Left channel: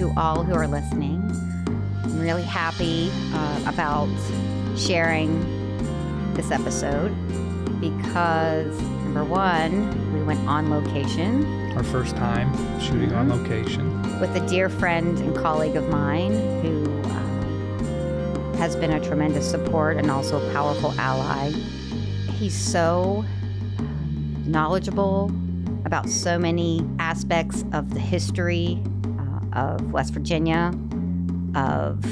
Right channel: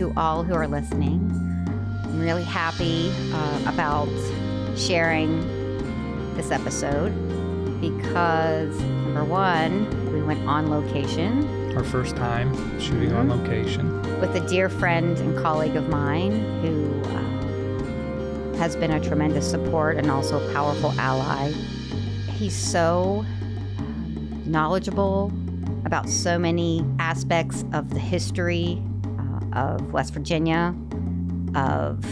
to all who are listening. I'm really happy about sharing this episode because, number one, we went on location. Our first time shooting on location. With a dear friend and colleague of mine who has been a tremendous support and also a powerful ally. He's so knowledgeable about so many aspects of the history of West Virginia, of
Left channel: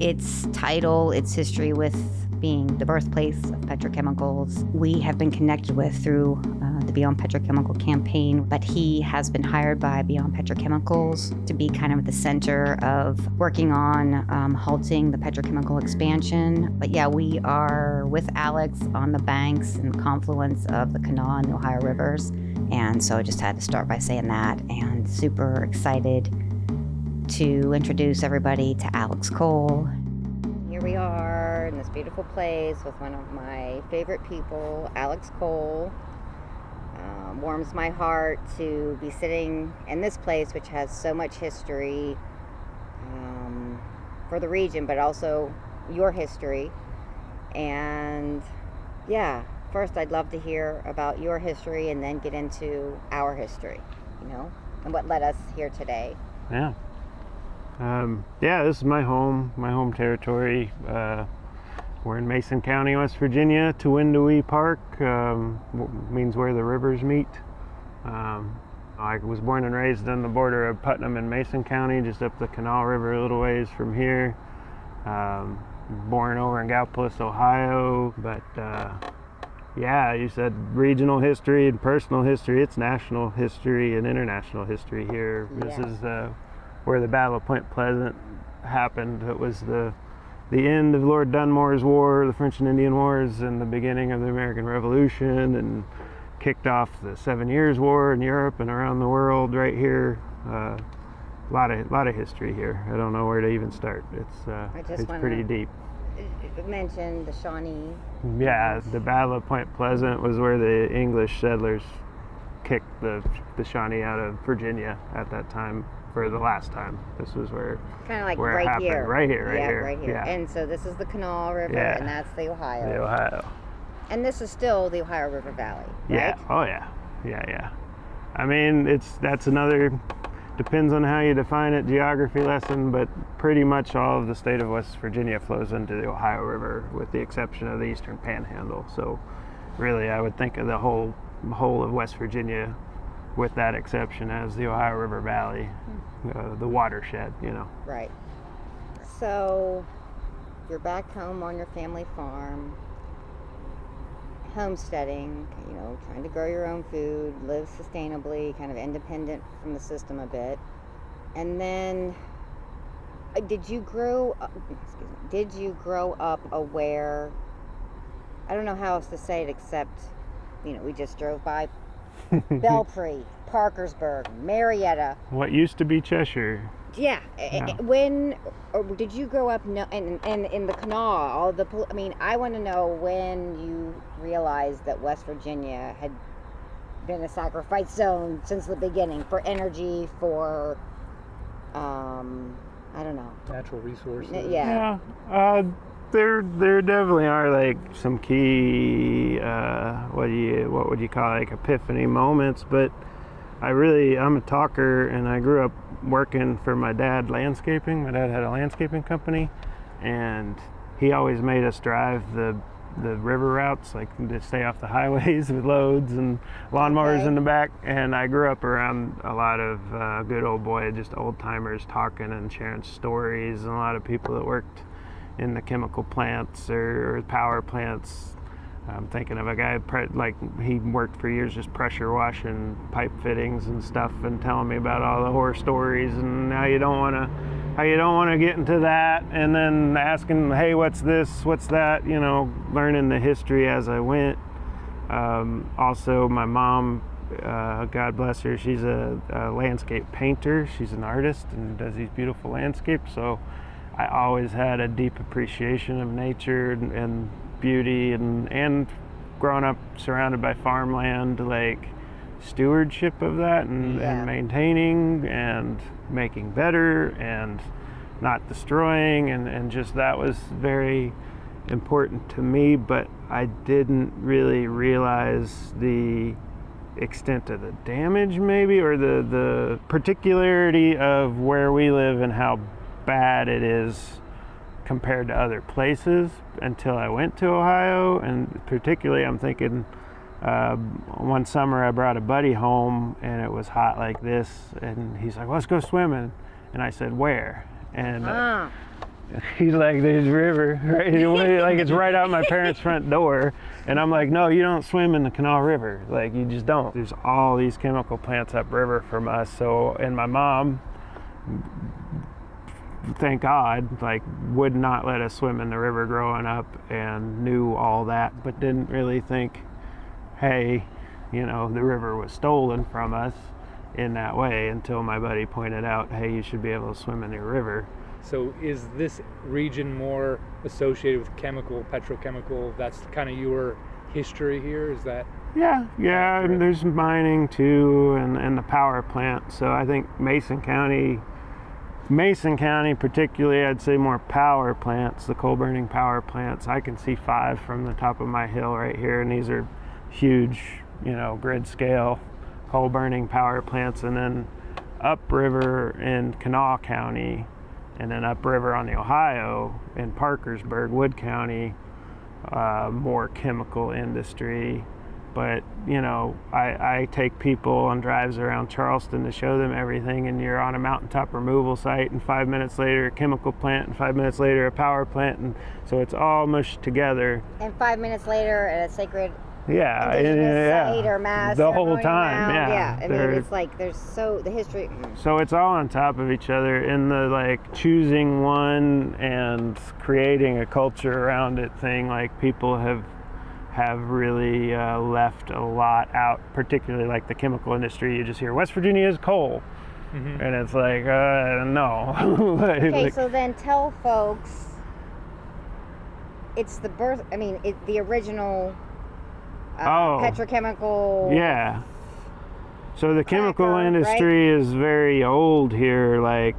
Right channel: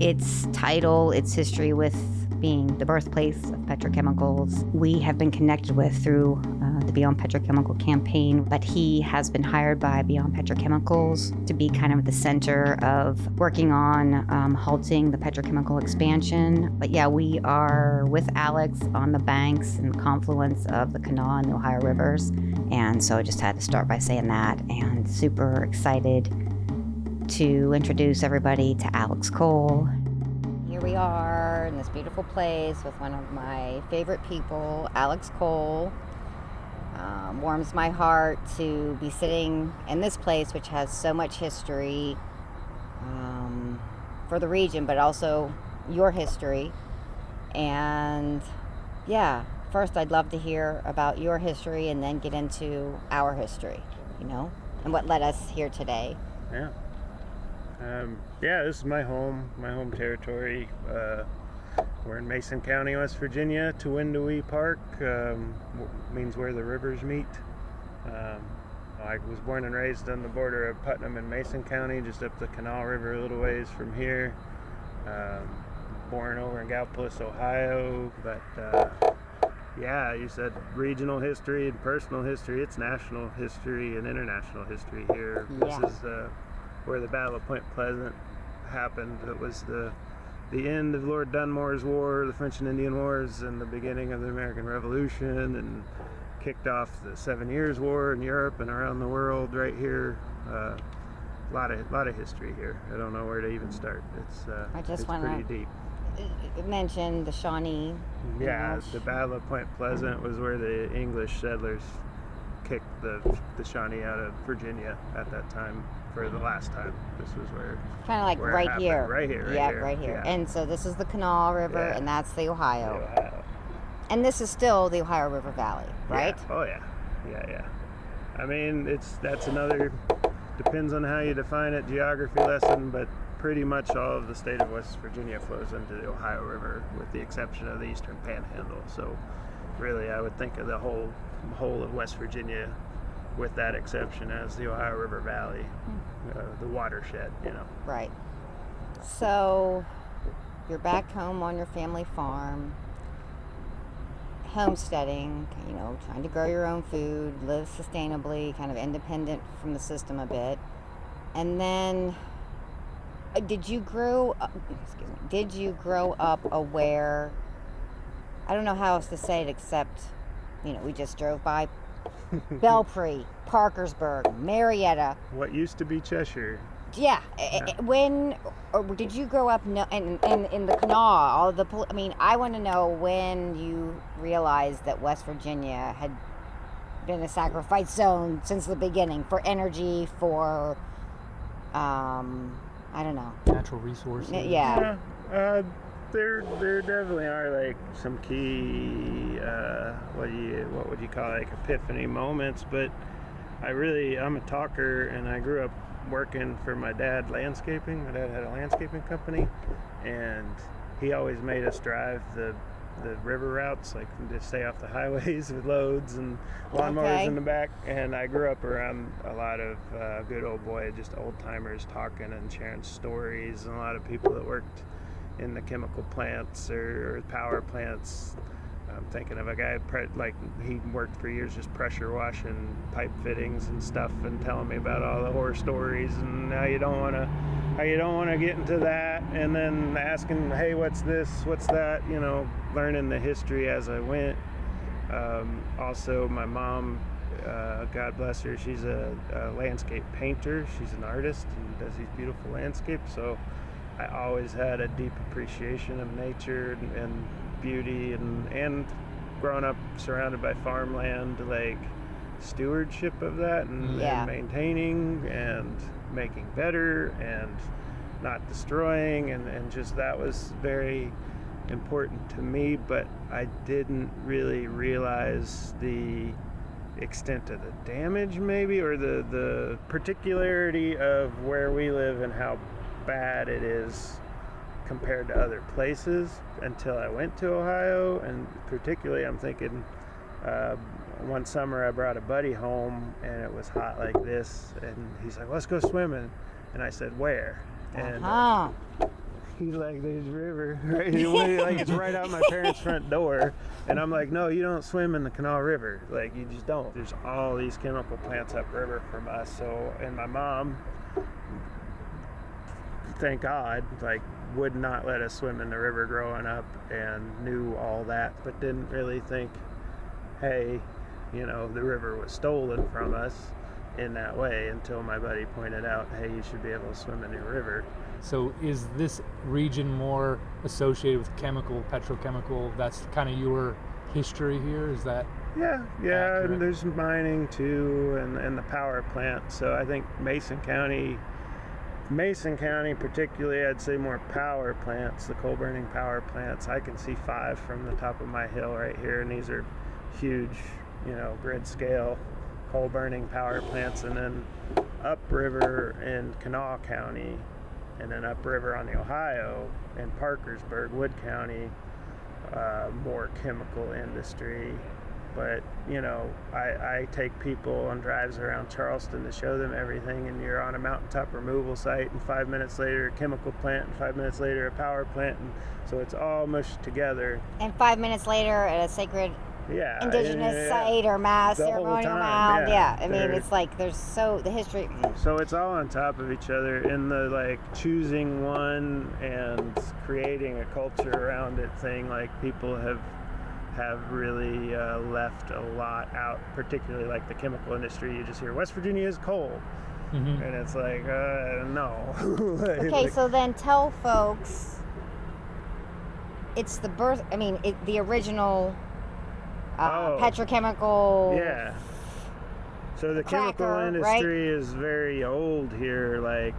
its title, its history with being the birthplace of petrochemicals. We have been connected with through the Beyond Petrochemical campaign, but he has been hired by Beyond Petrochemicals to be kind of the center of working on halting the petrochemical expansion. But yeah, we are with Alex on the banks and the confluence of the Kanawha and the Ohio Rivers. And so I just had to start by saying that, and super excited to introduce everybody to Alex Cole. Here we are in this beautiful place with one of my favorite people, Alex Cole. Warms my heart to be sitting in this place, which has so much history for the region, but also your history. And yeah, first I'd love to hear about your history and then get into our history, and what led us here today. Yeah. This is my home territory. We're in Mason County, West Virginia. Tewindowee Park means where the rivers meet. I was born and raised on the border of Putnam and Mason County, just up the Kanawha River a little ways from here. Born over in Gallipolis, Ohio, but you said regional history and personal history. It's national history and international history here. Yeah. This is where the Battle of Point Pleasant happened. It was the end of Lord Dunmore's War, the French and Indian Wars, and the beginning of the American Revolution, and kicked off the 7 Years' War in Europe and around the world right here. A lot of history here. I don't know where to even start. It's pretty deep. Mention the Shawnee. Yeah, the Battle of Point Pleasant was where the English settlers kicked the Shawnee out of Virginia at that time for the last time. This was where kind of like where right it happened. here. Right here. Right here. Yeah. And so this is the Kanawha River, and that's the Ohio. The Ohio. And this is still the Ohio River Valley, right? Yeah. Oh yeah. Yeah. I mean, that's another, depends on how you define it, geography lesson, but pretty much all of the state of West Virginia flows into the Ohio River, with the exception of the Eastern Panhandle. So really, I would think of the whole of West Virginia, with that exception, as the Ohio River Valley, the watershed, Right. So you're back home on your family farm, homesteading, trying to grow your own food, live sustainably, kind of independent from the system a bit. And then did you grow up aware, I don't know how else to say it except, we just drove by Belpre, Parkersburg, Marietta. What used to be Cheshire. Yeah. When, or did you grow up in the Kanawha? I want to know when you realized that West Virginia had been a sacrifice zone since the beginning for energy, for, I don't know. Natural resources. Yeah. There definitely are like some key, what would you call it, like epiphany moments, but I'm a talker, and I grew up working for my dad landscaping. My dad had a landscaping company, and he always made us drive the river routes, like to stay off the highways with loads and lawnmowers in the back. And I grew up around a lot of good old boy, just old timers talking and sharing stories, and a lot of people that worked in the chemical plants or power plants. I'm thinking of a guy, he worked for years just pressure washing pipe fittings and stuff, and telling me about all the horror stories and how you don't want to get into that, and then asking, hey, what's this, what's that, learning the history as I went. Also, my mom, God bless her, she's a landscape painter. She's an artist and does these beautiful landscapes, so I always had a deep appreciation of nature and beauty, and growing up surrounded by farmland, like stewardship of that and maintaining and making better and not destroying, and just that was very important to me, but I didn't really realize the extent of the damage maybe, or the particularity of where we live and how bad it is compared to other places until I went to Ohio. And particularly I'm thinking one summer I brought a buddy home and it was hot like this, and he's like, let's go swimming, and I said, where? And he's like, there's a river, right? Like it's right out my parents' front door. And I'm like, no, you don't swim in the Kanawha River. Like, you just don't. There's all these chemical plants upriver from us. So, and my mom, thank God, like would not let us swim in the river growing up, and knew all that, but didn't really think, hey, you know, the river was stolen from us in that way, until my buddy pointed out, hey, you should be able to swim in your river. So is this region more associated with chemical, petrochemical? That's kind of your history here, is that? Yeah, and there's mining too, and the power plant. So I think Mason County particularly, I'd say more power plants, the coal burning power plants. I can see 5 from the top of my hill right here, and these are huge, you know, grid scale coal burning power plants. And then upriver in Kanawha County, and then upriver on the Ohio in Parkersburg, Wood County, more chemical industry. But, you know, I take people on drives around Charleston to show them everything, and you're on a mountaintop removal site, and 5 minutes later a chemical plant, and 5 minutes later a power plant, and so it's all mushed together. And 5 minutes later at a sacred indigenous site or mass the whole time. I mean, it's like there's the history. So it's all on top of each other, in the like choosing one and creating a culture around it thing. Like people have really left a lot out, particularly like the chemical industry. You just hear West Virginia is coal, and it's like no. Okay, so then tell folks it's the original petrochemical. Yeah. So the chemical industry is very old here. Like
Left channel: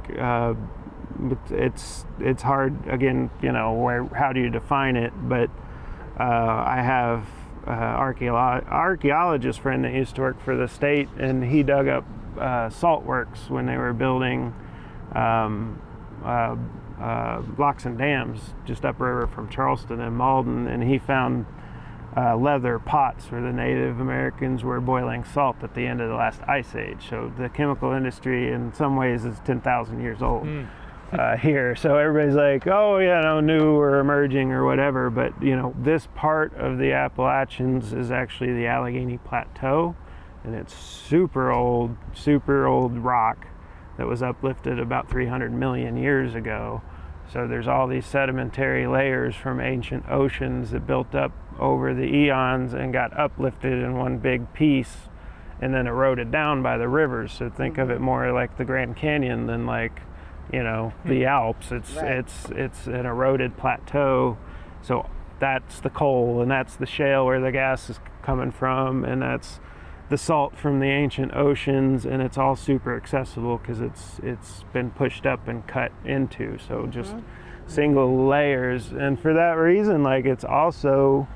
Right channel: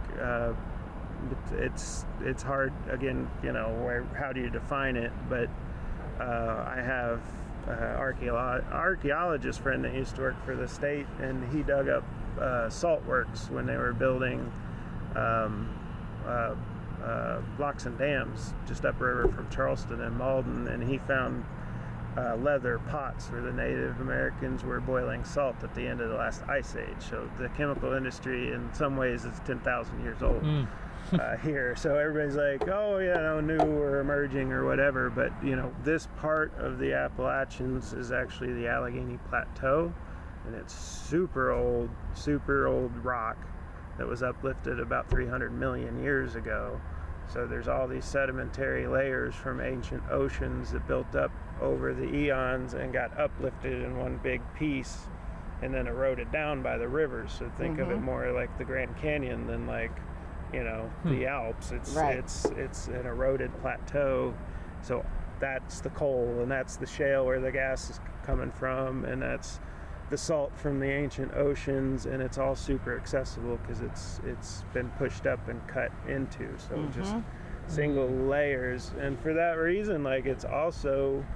it's hard, again, you know, how do you define it? But I have archaeologist friend that used to work for the state, and he dug up salt works when they were building blocks and dams just upriver from Charleston and Malden, and he found leather pots where the Native Americans were boiling salt at the end of the last ice age. So the chemical industry in some ways is 10,000 years old here. So everybody's like, oh yeah, no, new or emerging or whatever. But you know, this part of the Appalachians is actually the Allegheny Plateau, and it's super old rock that was uplifted about 300 million years ago. So there's all these sedimentary layers from ancient oceans that built up over the eons and got uplifted in one big piece and then eroded down by the rivers. So think of it more like the Grand Canyon than like, you know, the Alps. It's an eroded plateau. So that's the coal, and that's the shale where the gas is coming from, and that's the salt from the ancient oceans, and it's all super accessible because it's been pushed up and cut into. So just single layers, and for that reason, like, it's also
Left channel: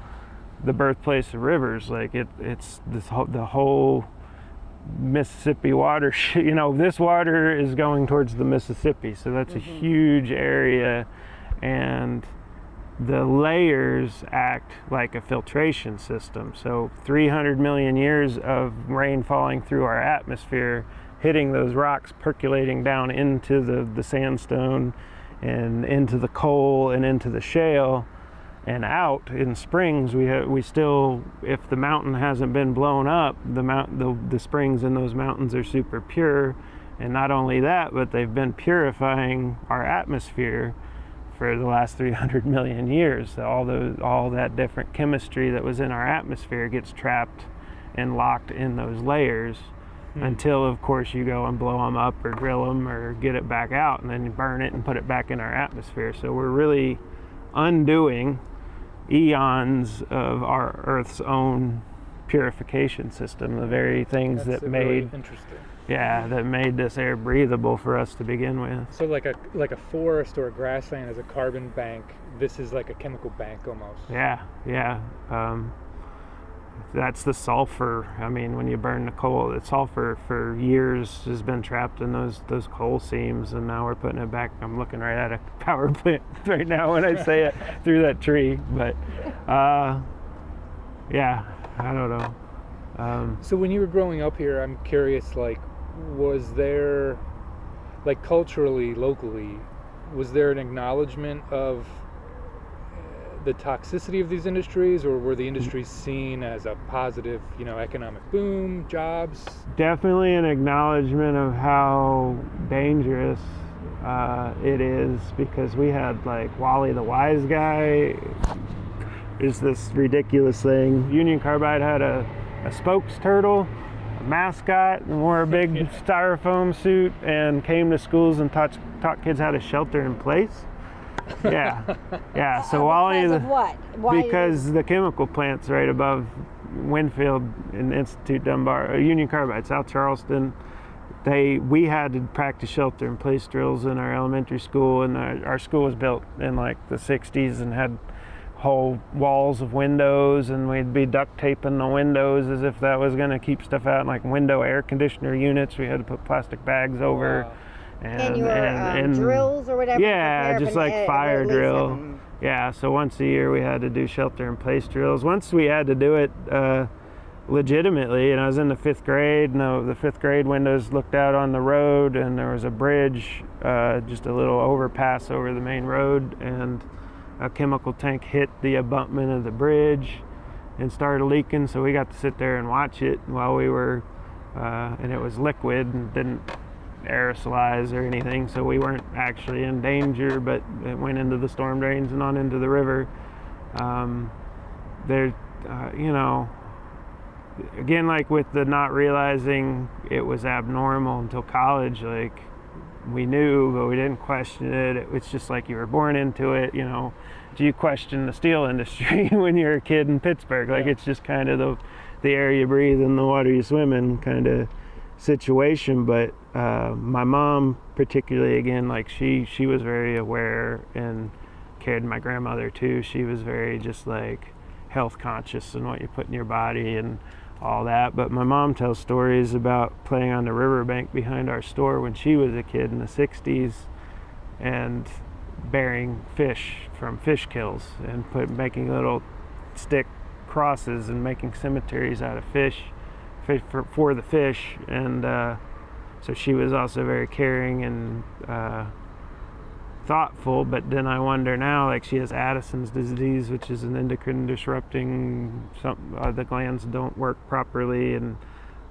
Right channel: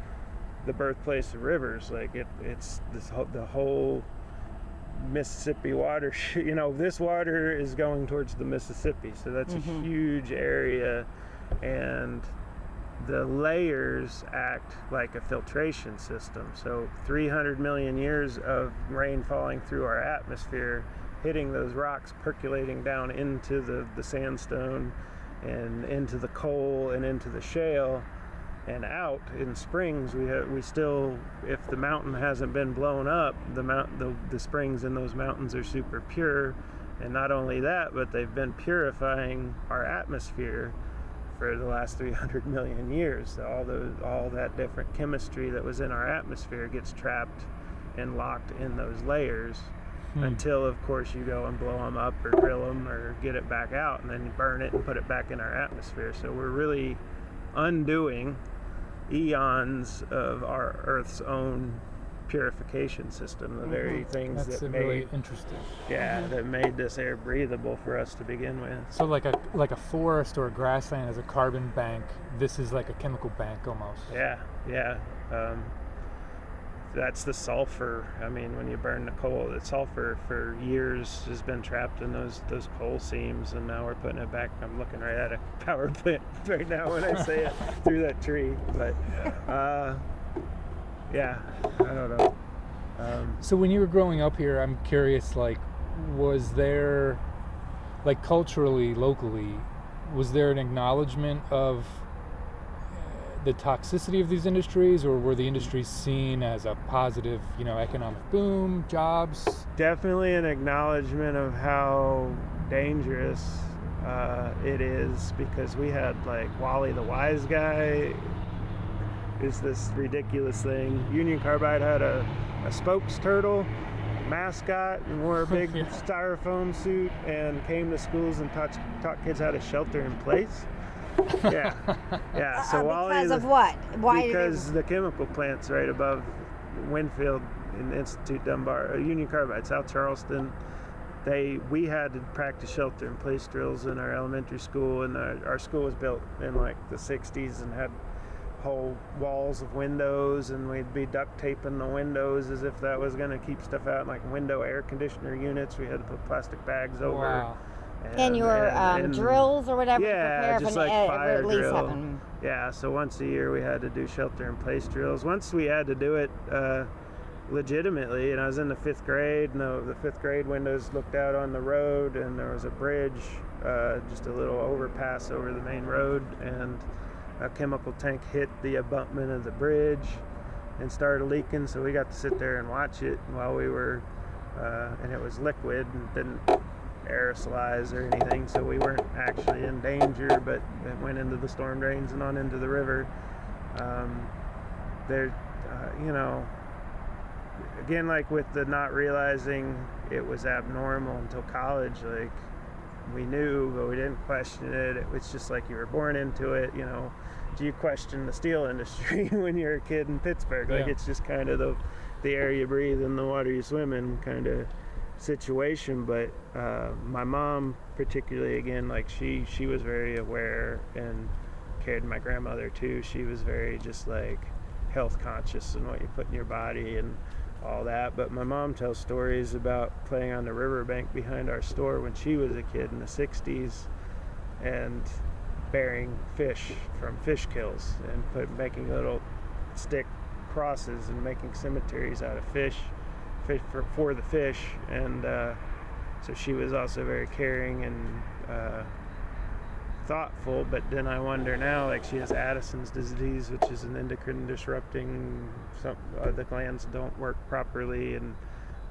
the birthplace of rivers. Like it's the whole Mississippi water. You know, this water is going towards the Mississippi, so that's a huge area, and the layers act like a filtration system. So 300 million years of rain falling through our atmosphere, hitting those rocks, percolating down into the sandstone and into the coal and into the shale and out in springs. We still, if the mountain hasn't been blown up, the springs in those mountains are super pure. And not only that, but they've been purifying our atmosphere for the last 300 million years. So all that different chemistry that was in our atmosphere gets trapped and locked in those layers until, of course, you go and blow them up or drill them or get it back out, and then you burn it and put it back in our atmosphere. So we're really undoing eons of our Earth's own purification system, the very things That's that really made interesting. that made this air breathable for us to begin with. So like a forest or a grassland is a carbon bank. This is like a chemical bank almost. Yeah. That's the sulfur. I mean, when you burn the coal, the sulfur for years has been trapped in those coal seams, and now we're putting it back. I'm looking right at a power plant right now when I say it through that tree. But yeah, I don't know. So when you were growing up here, I'm curious, like, was there, like culturally, locally, was there an acknowledgement of the toxicity of these industries, or were the industries seen as a positive, economic boom, jobs? Definitely an acknowledgement of how dangerous it is, because we had like Wally the Wise Guy. There's this ridiculous thing. Union Carbide had a spokes turtle mascot and wore a big styrofoam suit and came to schools and taught kids how to shelter in place. Yeah. So Wally, because of what? Why because the chemical plant's right above Winfield and Institute Dunbar, Union Carbide, South Charleston. We had to practice shelter in place drills in our elementary school, and our school was built in like the 60s and had whole walls of windows, and we'd be duct taping the windows as if that was going to keep stuff out. Like window air conditioner units, we had to put plastic bags over. Wow. and your drills or whatever? Yeah, just like fire drill. Yeah, so once a year we had to do shelter in place drills. Once we had to do it legitimately, and I was in the 5th grade, and the 5th grade windows looked out on the road, and there was a bridge, just a little overpass over the main road, and a chemical tank hit the abutment of the bridge and started leaking, so we got to sit there and watch it while we were, and it was liquid and didn't aerosolize or anything, so we weren't actually in danger, but it went into the storm drains and on into the river. Again, like with the not realizing it was abnormal until college, like we knew, but we didn't question it. It's just like you were born into it, Do you question the steel industry when you're a kid in Pittsburgh? Like, it's just kind of the air you breathe and the water you swim in kind of situation. But my mom particularly, again, like she was very aware and cared. My grandmother too, she was very just like health conscious and what you put in your body and all that. But my mom tells stories about playing on the riverbank behind our store when she was a kid in the 60s and burying fish from fish kills and making little stick crosses and making cemeteries out of fish for the fish. And so she was also very caring and thoughtful. But then I wonder now, like, she has Addison's disease, which is an endocrine disrupting, the glands don't work properly, and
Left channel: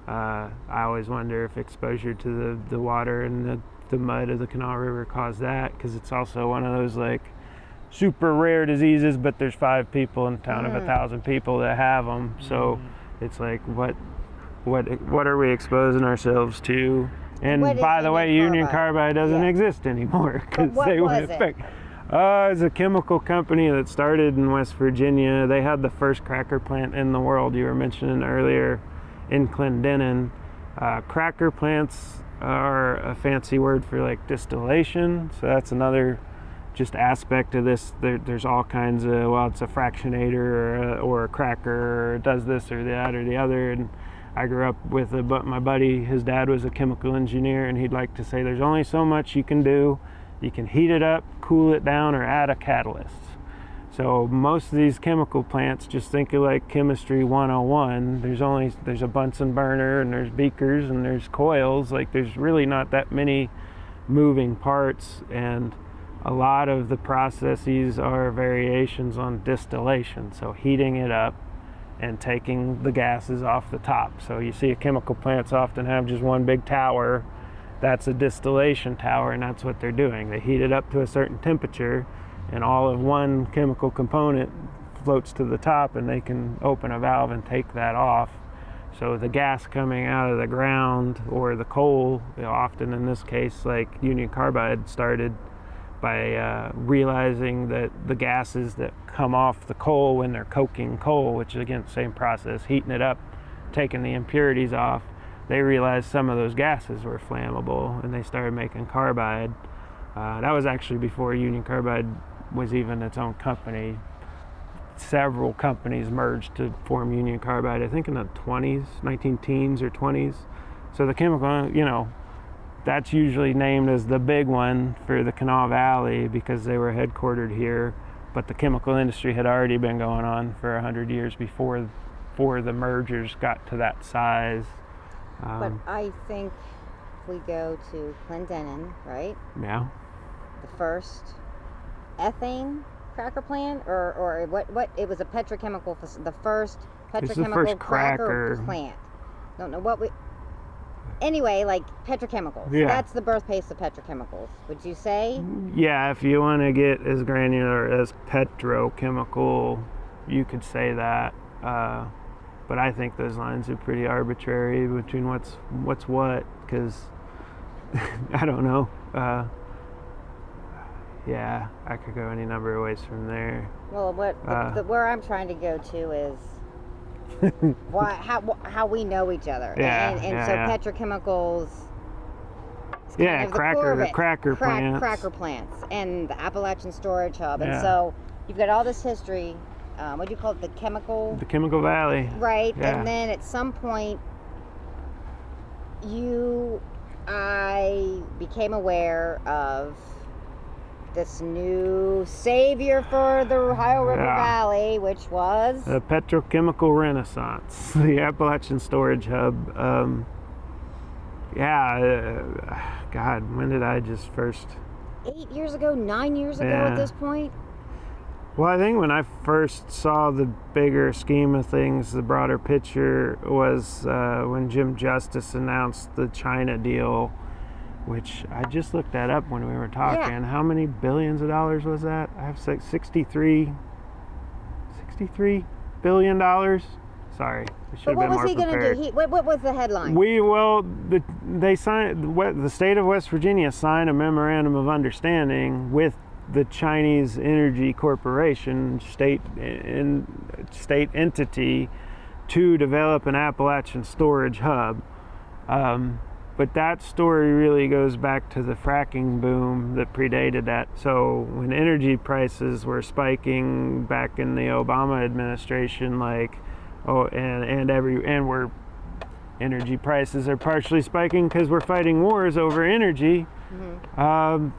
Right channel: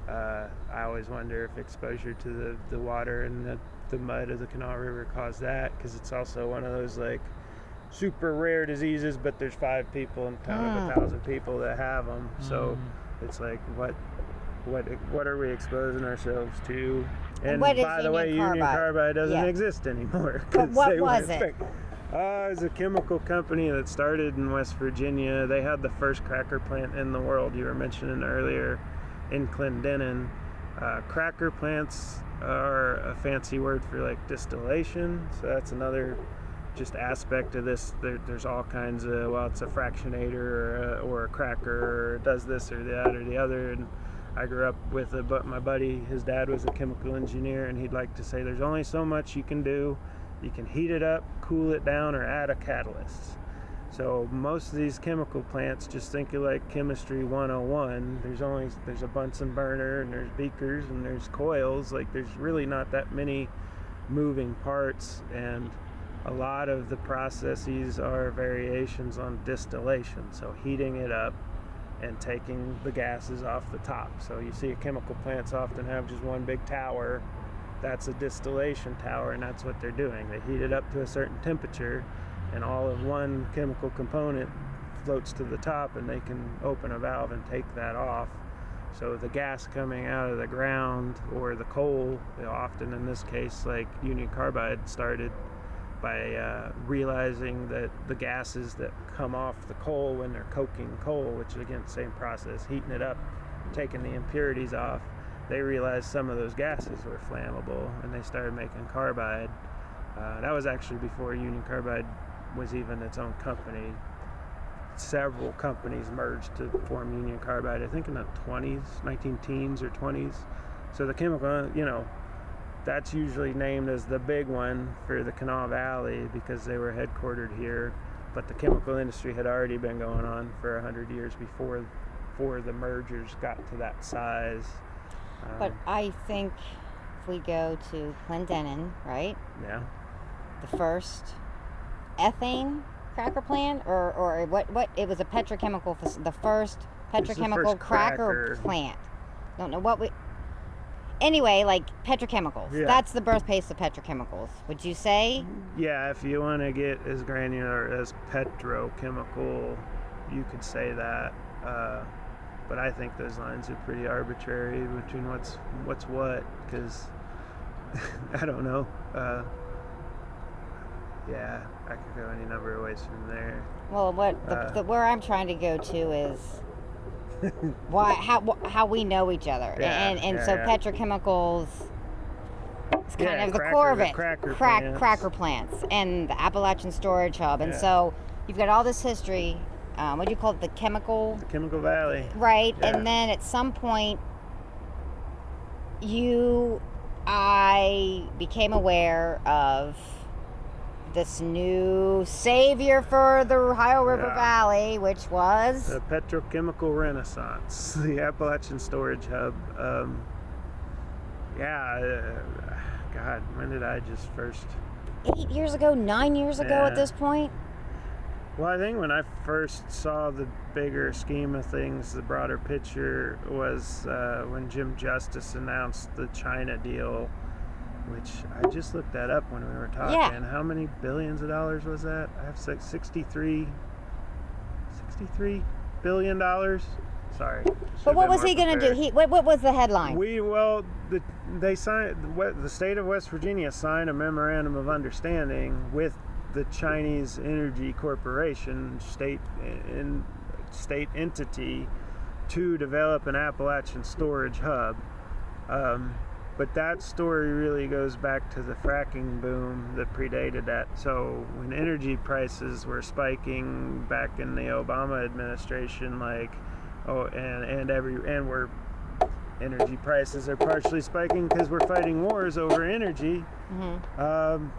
I always wonder if exposure to the water and the mud of the Kanawha River caused that, because it's also one of those like super rare diseases, but there's 5 people in a town of 1,000 people that have them. So it's like, what are we exposing ourselves to? And by the way, Union Carbide doesn't exist anymore, because they would affect. It's a chemical company that started in West Virginia. They had the first cracker plant in the world, you were mentioning earlier, in Clendenin. Cracker plants are a fancy word for like distillation, so that's another just aspect of this. There's all kinds of, it's a fractionator or a cracker, or it does this or that or the other. And I grew up with my buddy, his dad was a chemical engineer, and he'd like to say there's only so much you can do. You can heat it up, cool it down, or add a catalyst. So most of these chemical plants, just think of like chemistry 101. There's a Bunsen burner, and there's beakers, and there's coils. Like, there's really not that many moving parts, and a lot of the processes are variations on distillation. So heating it up and taking the gases off the top. So you see chemical plants often have just one big tower. That's a distillation tower, and that's what they're doing. They heat it up to a certain temperature, and all of one chemical component floats to the top, and they can open a valve and take that off. So the gas coming out of the ground or the coal, often in this case, like Union Carbide started by realizing that the gases that come off the coal when they're coking coal, which is again the same process, heating it up, taking the impurities off. They realized some of those gases were flammable, and they started making carbide. That was actually before Union Carbide was even its own company. Several companies merged to form Union Carbide, I think in the 20s, 19-teens or 20s. So the chemical, that's usually named as the big one for the Kanawha Valley because they were headquartered here. But the chemical industry had already been going on for 100 years before the mergers got to that size. But I think if we go to Clendenin, right? Yeah. The first ethane cracker plant, or what? It was a petrochemical. The first petrochemical cracker plant. Don't know what we. Anyway, like petrochemicals. Yeah. That's the birthplace of petrochemicals. Would you say? Yeah, if you want to get as granular as petrochemical, you could say that. But I think those lines are pretty arbitrary between what's what, because I don't know. Yeah, I could go any number of ways from there. Well, where I'm trying to go to is how we know each other. Yeah, so petrochemicals. Yeah, the core of it. cracker plants and the Appalachian storage hub, and Yeah. so you've got all this history. What do you call it? The chemical valley. Right, Yeah. and then at some point, I became aware of this new savior for the Ohio River Valley, which was The petrochemical renaissance, the Appalachian storage hub. God, when did I just first... 8 years ago, 9 years ago Yeah. at this point? Well, I think when I first saw the bigger scheme of things, the broader picture was when Jim Justice announced the China deal, which I just looked that up when we were talking. Yeah. How many billions of dollars was that? I have $63 billion. Sorry. But what was he going to do? What was the headline? They signed. The state of West Virginia signed a memorandum of understanding with the Chinese Energy Corporation, state entity, to develop an Appalachian storage hub. But that story really goes back to the fracking boom that predated that. So when energy prices were spiking back in the Obama administration, where energy prices are partially spiking because we're fighting wars over energy. Mm-hmm.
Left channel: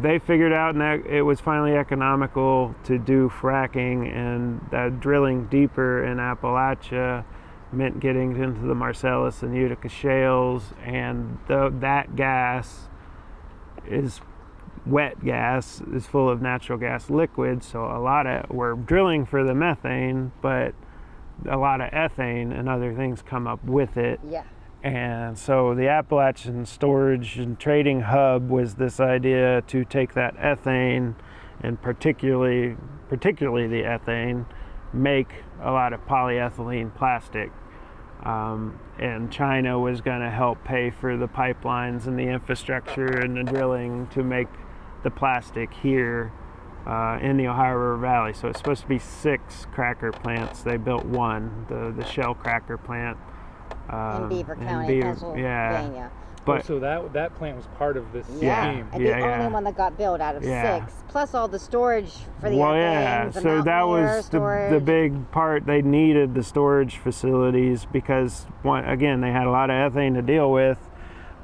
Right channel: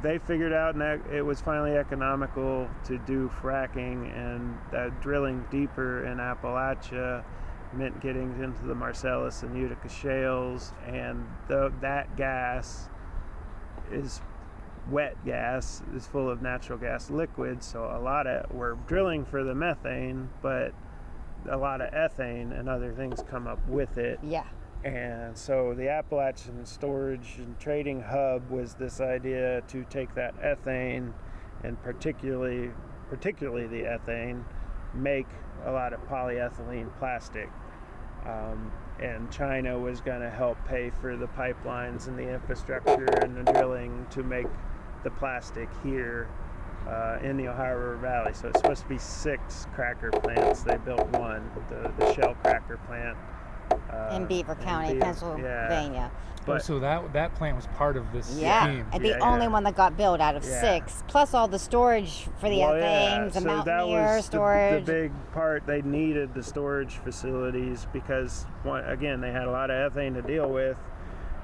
They figured out that it was finally economical to do fracking, and that drilling deeper in Appalachia meant getting into the Marcellus and Utica shales, and that gas is wet gas, is full of natural gas liquids, so we're drilling for the methane, but a lot of ethane and other things come up with it. Yeah. And so the Appalachian Storage and Trading Hub was this idea to take that ethane, and particularly the ethane, make a lot of polyethylene plastic. And China was going to help pay for the pipelines and the infrastructure and the drilling to make the plastic here in the Ohio River Valley. So it's supposed to be 6 cracker plants. They built one, the Shell cracker plant. In Beaver County, Pennsylvania. Yeah. But so that plant was part of this Yeah, scheme. and the only one that got built out of 6, plus all the storage for the ethanes, the so that was the big part. They needed the storage facilities because, again, they had a lot of ethane to deal with,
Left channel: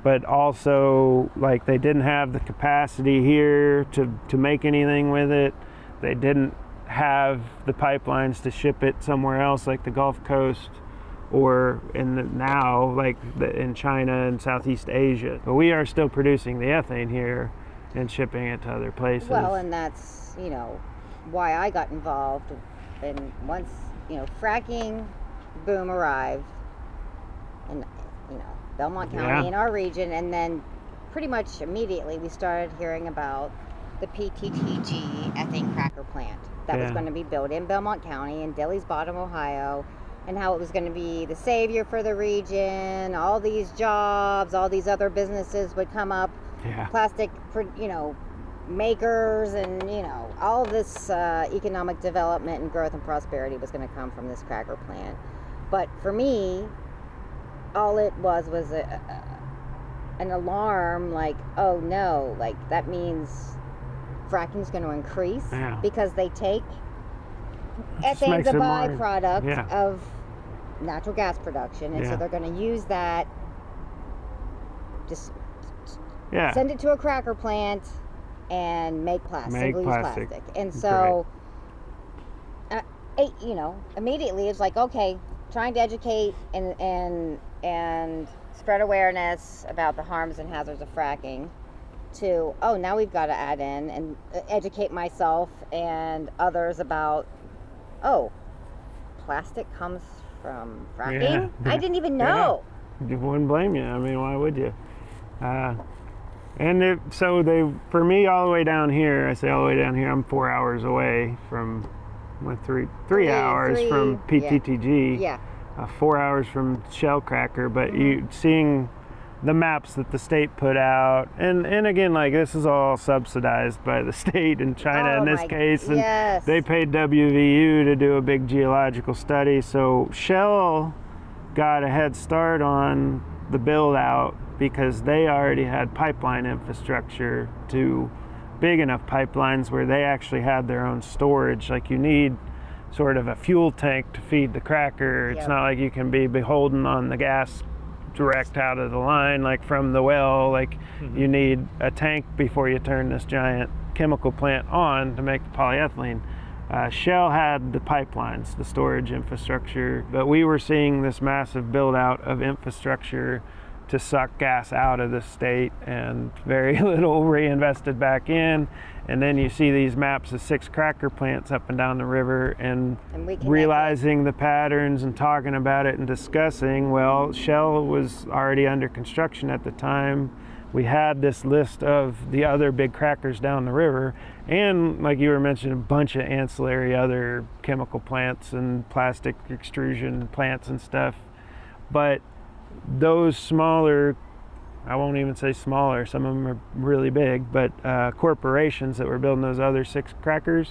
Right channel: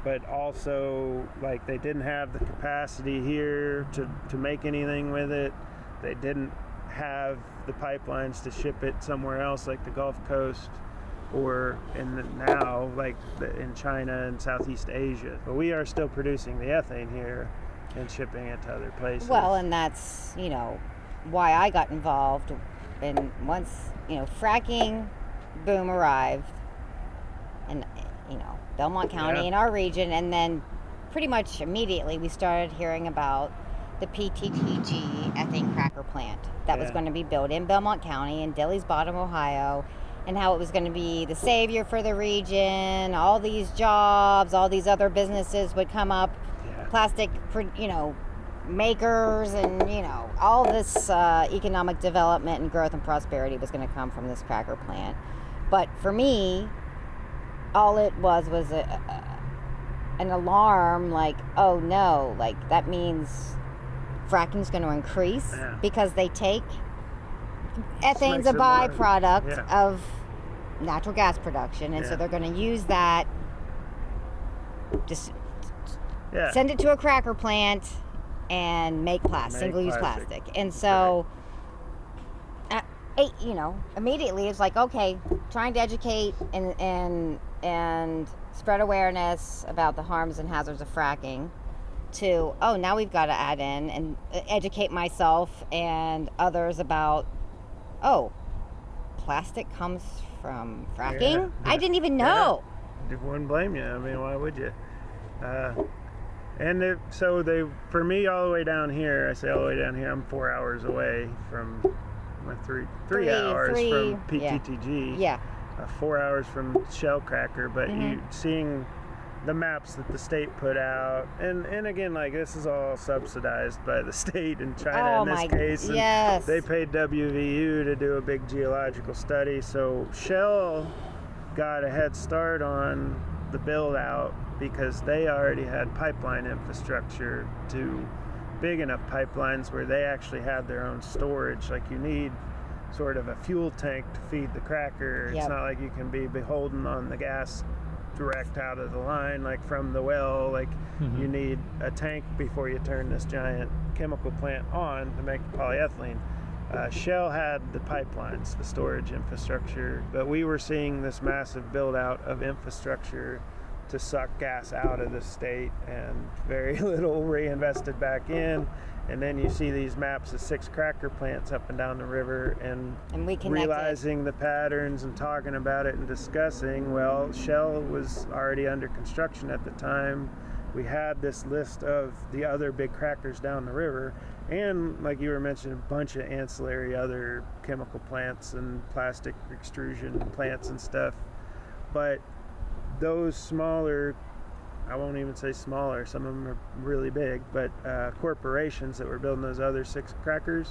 but also they didn't have the capacity here to make anything with it. They didn't have the pipelines to ship it somewhere else, like the Gulf Coast, or in China and Southeast Asia. But we are still producing the ethane here and shipping it to other places. Well, and that's, why I got involved. And once, fracking boom arrived in, Belmont County in our region, and then pretty much immediately we started hearing about the PTTG ethane cracker plant that was going to be built in Belmont County in Dilly's Bottom, Ohio, and how it was going to be the savior for the region. All these jobs, all these other businesses would come up. Yeah. Plastic, makers and, all this economic development and growth and prosperity was going to come from this cracker plant. But for me, all it was an alarm, like, oh no, like that means fracking's going to increase because they take ethane's a byproduct of natural gas production, and so they're going to use that, just send it to a cracker plant and make single-use plastic. And so, immediately it's like, okay, trying to educate and spread awareness about the harms and hazards of fracking, to, oh, now we've got to add in and educate myself and others about, oh, plastic comes from fracking? I didn't even know. Yeah. Wouldn't blame you. I mean, why would you? For me, all the way down here, I say all the way down here, I'm 4 hours away from, three hours from PTTG. Yeah. 4 hours from Shell Cracker, but you seeing the maps that the state put out, and again, like, this is all subsidized by the state and China in this case, and they paid WVU to do a big geological study, so Shell got a head start on the build out because they already had pipeline infrastructure, to big enough pipelines where they actually had their own storage. Like, you need sort of a fuel tank to feed the cracker. It's not like you can be beholden on the gas direct out of the line, like from the well. Like, you need a tank before you turn this giant chemical plant on to make the polyethylene. Shell had the pipelines, the storage infrastructure, but we were seeing this massive build out of infrastructure to suck gas out of the state, and very little reinvested back in. And then you see these maps of 6 cracker plants up and down the river, and realizing the patterns and talking about it and discussing. Well, Shell was already under construction at the time. We had this list of the other big crackers down the river, and like you were mentioning, a bunch of ancillary other chemical plants and plastic extrusion plants and stuff. But those smaller, I won't even say smaller, some of them are really big, but corporations that were building those other 6 crackers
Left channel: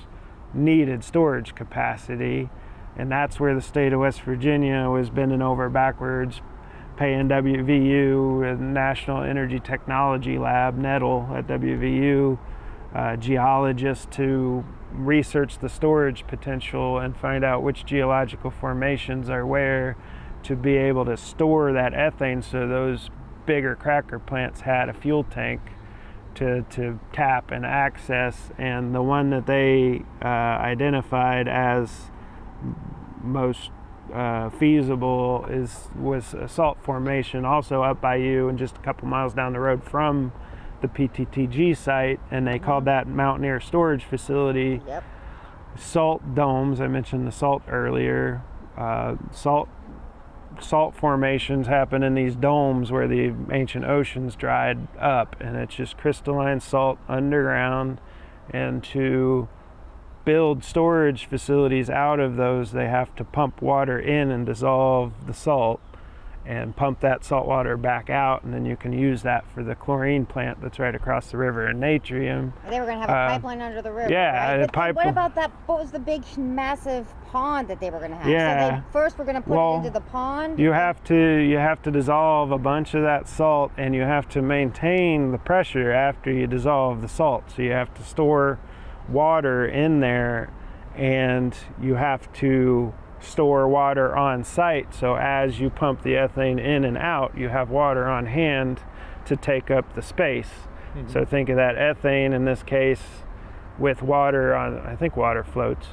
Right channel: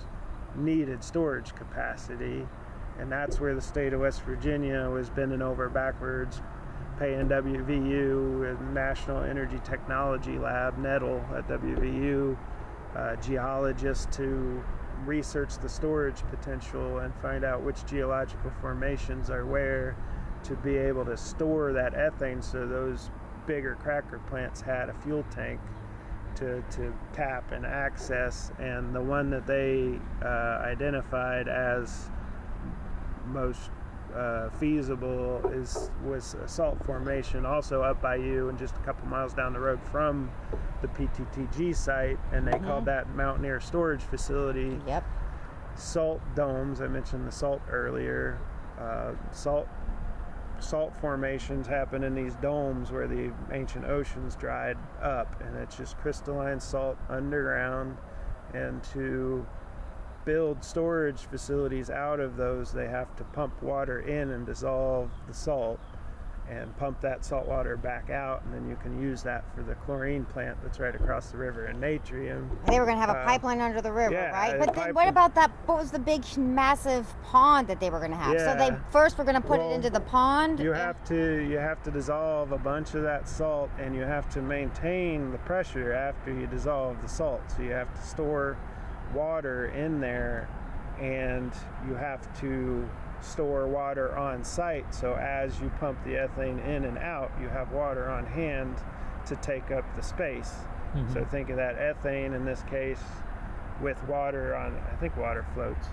needed storage capacity, and that's where the state of West Virginia was bending over backwards, paying WVU and National Energy Technology Lab, NETL at WVU, geologists to research the storage potential and find out which geological formations are where, to be able to store that ethane, so those bigger cracker plants had a fuel tank to tap and access. And the one that they identified as most feasible was a salt formation, also up by you and just a couple miles down the road from the PTTG site, and they called that Mountaineer Storage Facility. Salt domes, I mentioned the salt earlier. Salt formations happen in these domes where the ancient oceans dried up, and it's just crystalline salt underground. And to build storage facilities out of those, they have to pump water in and dissolve the salt and pump that salt water back out, and then you can use that for the chlorine plant that's right across the river in Natrium. And they were going to have a pipeline under the river, right? But what about that? What was the big, massive pond that they were going to have? So they first were going to put it into the pond. You have to dissolve a bunch of that salt, and you have to maintain the pressure after you dissolve the salt. So you have to store water in there, and you have to store water on site, so as you pump the ethane in and out, you have water on hand to take up the space. So think of that ethane in this case with water on, I think water floats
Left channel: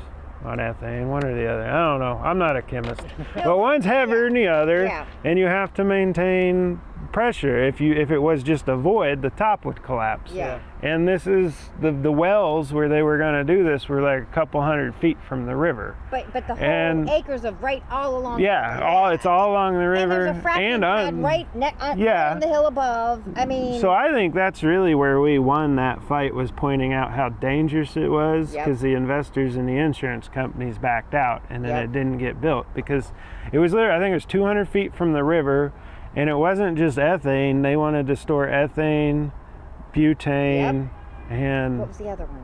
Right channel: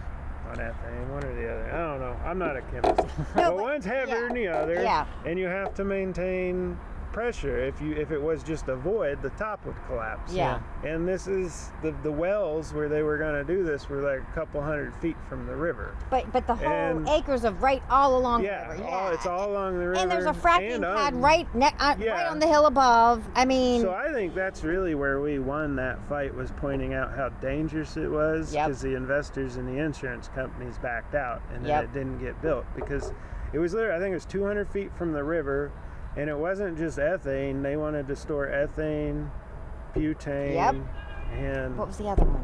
on ethane, one or the other, I don't know, I'm not a chemist. But one's heavier than the other, and you have to maintain pressure. If it was just a void, the top would collapse. And this is the wells where they were going to do this were like a couple 100 feet from the river. But the whole acres of right all along. It's all along the river. And there's a fracking pad right on the hill above. I mean. So I think that's really where we won that fight, was pointing out how dangerous it was, because the investors and the insurance companies backed out, and then it didn't get built because it was there. I think it was 200 feet from the river. And it wasn't just ethane. They wanted to store ethane, butane, and What was the other one?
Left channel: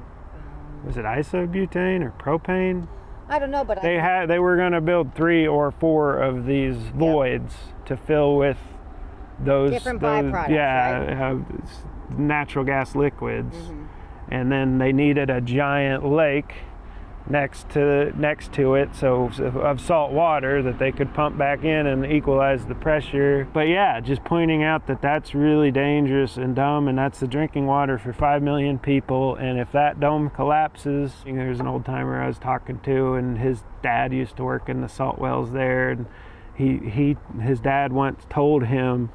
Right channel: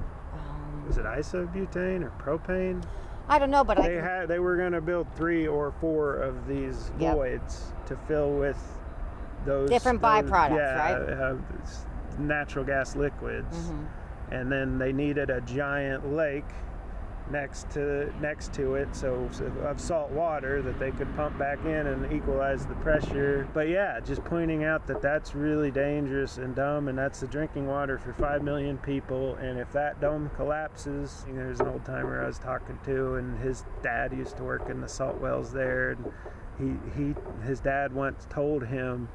was it isobutane or propane? I don't know, but They were going to build 3 or 4 of these voids to fill with those different byproducts, right? Natural gas liquids, and then they needed a giant lake next to it, so of salt water that they could pump back in and equalize the pressure. But yeah, just pointing out that that's really dangerous and dumb, and that's the drinking water for 5 million people. And if that dome collapses, there's an old timer I was talking to, and his dad used to work in the salt wells there, and his dad once told him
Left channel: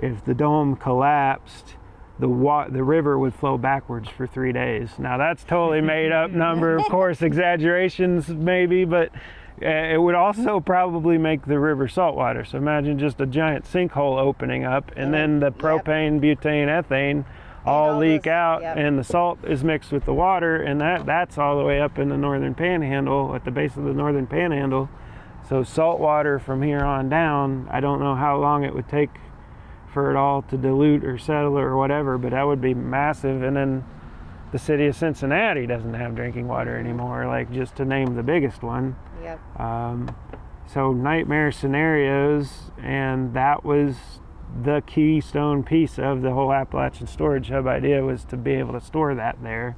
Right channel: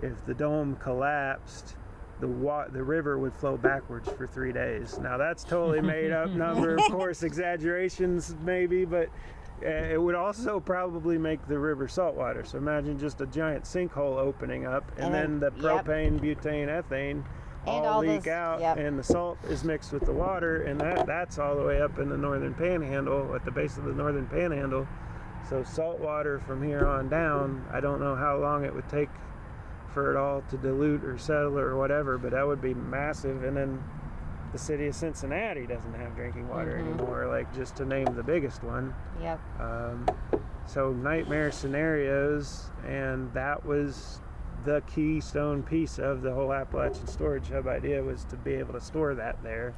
if the dome collapsed, the river would flow backwards for 3 days. Now that's totally made up number, of course, exaggerations maybe, but it would also probably make the river saltwater. So imagine just a giant sinkhole opening up, and then the propane, butane, ethane all leak out, and the salt is mixed with the water, and that's all the way up in the northern panhandle, at the base of the northern panhandle. So salt water from here on down, I don't know how long it would take for it all to dilute or settle or whatever, but that would be massive. And then the city of Cincinnati doesn't have drinking water anymore, like, just to name the biggest one. Yep. So nightmare scenarios, and that was the keystone piece of the whole Appalachian storage hub idea, was to be able to store that there.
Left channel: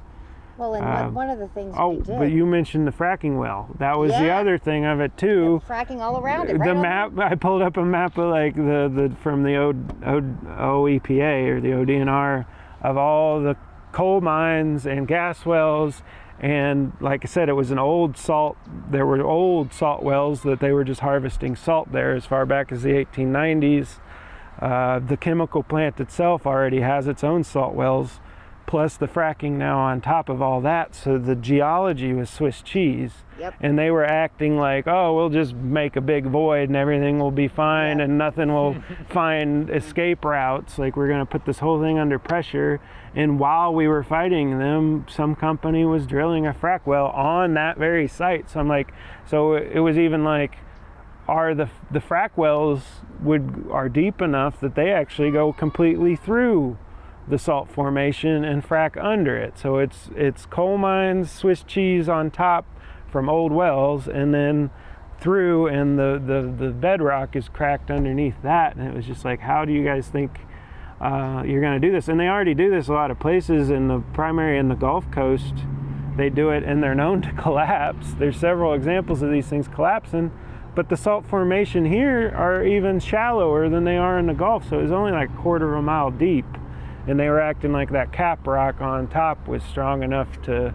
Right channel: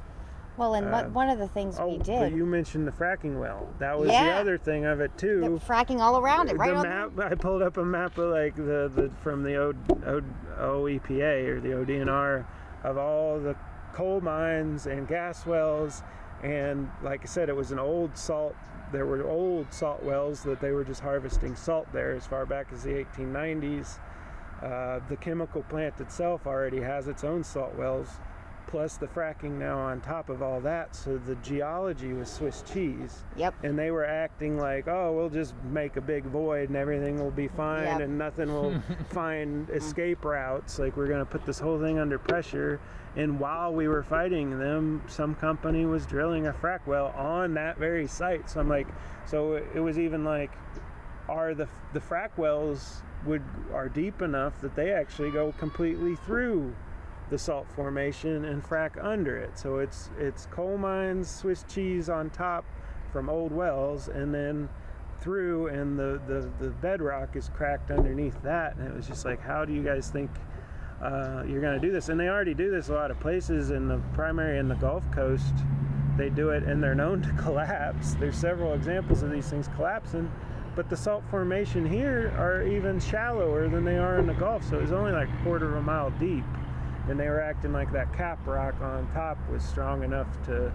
Well, and one of the things we did. But you mentioned the fracking well. That was the other thing of it too. The fracking all around it. Right, the map. I pulled up a map of like the from the OEPA or the ODNR of all the coal mines and gas wells, and like I said, it was an old salt. There were old salt wells that they were just harvesting salt there as far back as the 1890s. The chemical plant itself already has its own salt wells, plus the fracking now on top of all that. So the geology was Swiss cheese. Yep. And they were acting like, oh, we'll just make a big void and everything will be fine, and nothing will find escape routes. Like, we're going to put this whole thing under pressure. And while we were fighting them, some company was drilling a frack well on that very site. So I'm like, so it was even like, are the frack wells are deep enough that they actually go completely through the salt formation and frack under it. So it's coal mines, Swiss cheese on top from old wells, and then through, and the bedrock is cracked underneath that. And it was just like, how do you guys think you're going to do this? And they already do this a lot of places in the primary and the Gulf Coast. They do it, and they're known to collapse. There's several examples of these things collapsing, but the salt formation here are even shallower than they are in the Gulf. So it's only like a quarter of a mile deep. And they were acting like that cap rock on top was strong enough to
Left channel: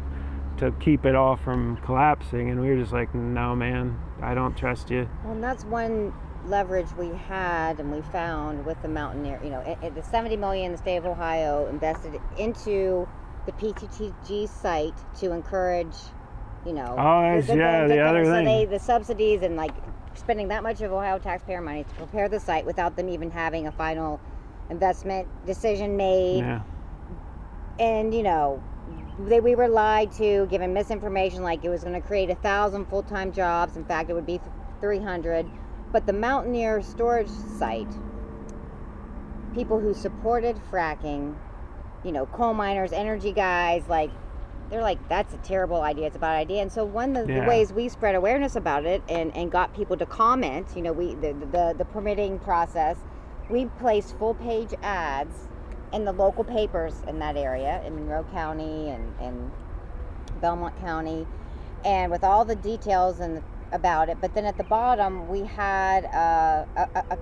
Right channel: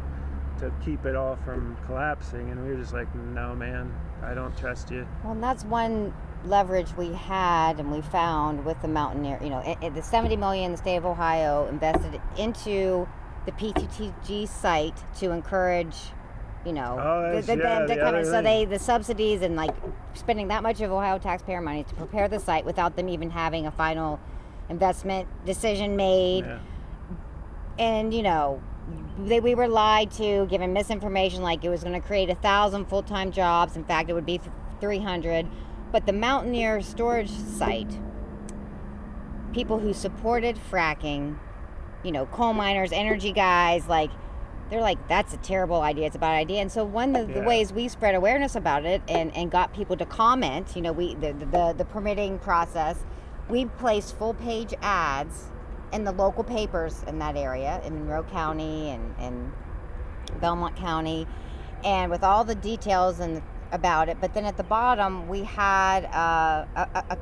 keep it all from collapsing. And we were just like, no, man, I don't trust you. Well, and that's one leverage we had and we found with the Mountaineer. You know, the $70 million the state of Ohio invested into the PTTG site to encourage, you know, the subsidies, and like spending that much of Ohio taxpayer money to prepare the site without them even having a final investment decision made. And you know, we were lied to, given misinformation, like it was going to create 1,000 full-time jobs. In fact, it would be 300. But the Mountaineer storage site, people who supported fracking, you know, coal miners, energy guys, like, they're like, that's a terrible idea, it's a bad idea. And so one of the ways we spread awareness about it and got people to comment, you know, the permitting process, we placed full-page ads in the local papers in that area, in Monroe County and Belmont County, and with all the details about it. But then at the bottom, we had a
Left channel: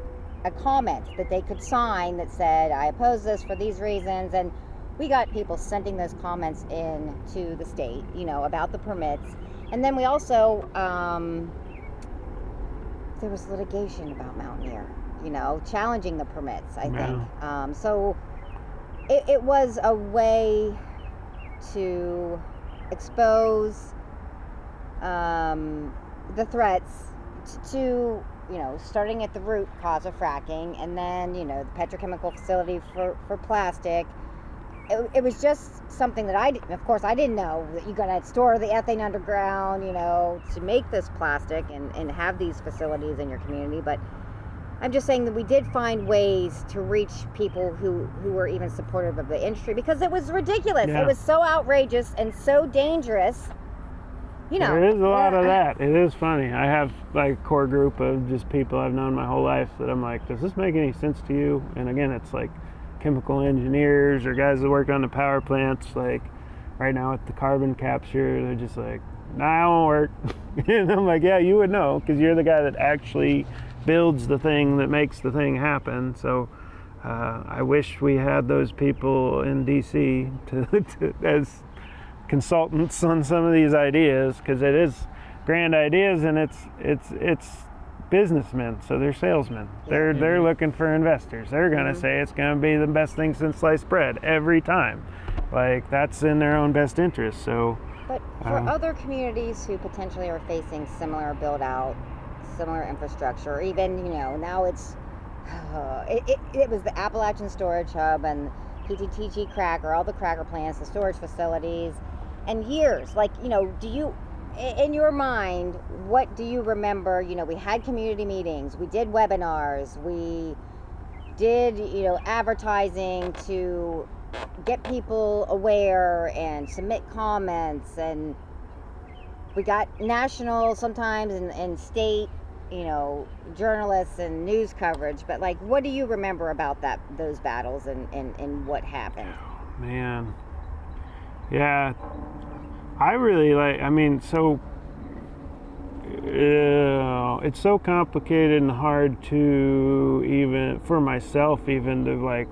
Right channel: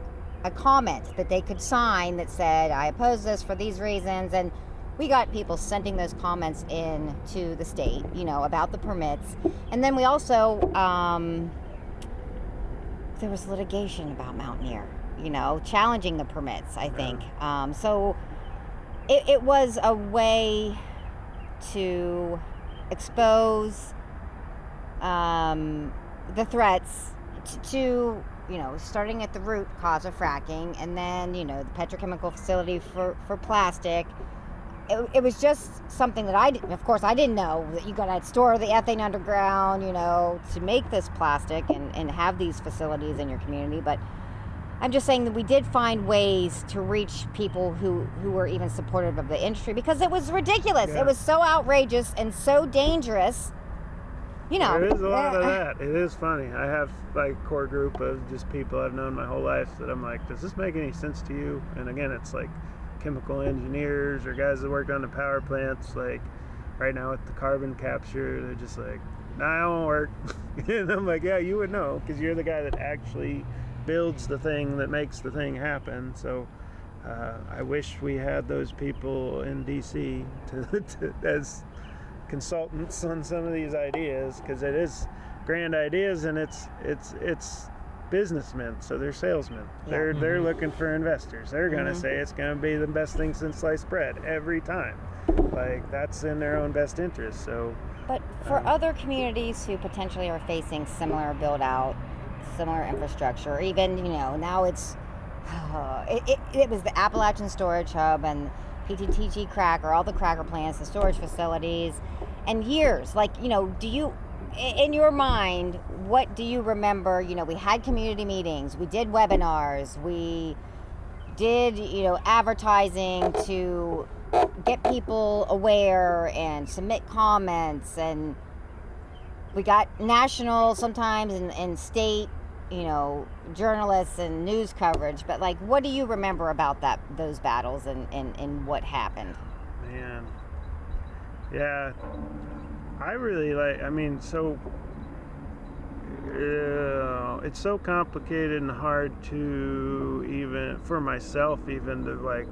comment that they could sign that said, I oppose this for these reasons. And we got people sending those comments in to the state, you know, about the permits. And then we also, there was litigation about Mountaineer, you know, challenging the permits, I think. So it was a way to expose the threats to, you know, starting at the root cause of fracking, and then, you know, the petrochemical facility for plastic. It was just something that I didn't, of course, I didn't know that you gotta store the ethane underground, you know, to make this plastic and have these facilities in your community. But I'm just saying that we did find ways to reach people who were even supportive of the industry, because it was ridiculous. Yeah. It was so outrageous and so dangerous. You know, There is a lot of that. It is funny. I have like a core group of just people I've known my whole life that I'm like, does this make any sense to you? And again, it's like chemical engineers or guys that work on the power plants. Like right now with the carbon capture, they're just like, nah, it won't work. And I'm like, yeah, you would know, because you're the guy that actually builds the thing that makes the thing happen. So I wish we had those people in DC to as consultants on some of these ideas, because it is grand ideas, and it's businessmen, so they're salesmen. They're looking for investors. They're going to say it's going to be the best thing since sliced bread every time. Like, that's in their own best interest. So but for other communities who potentially are facing similar build out, similar infrastructure, or even, you know, now it's it was the Appalachian Storage Hub and PTTG cracker, all the cracker plants, the storage facilities, and years, like, you know, do you, in your mind, what do you remember? You know, we had community meetings, we did webinars, we did, you know, advertising to get people aware and submit comments, and we got national sometimes and state, you know, journalists and news coverage. But like, what do you remember about those battles and what happened? Man, yeah, I really like, I mean, so it's so complicated and hard to, even for myself, even to like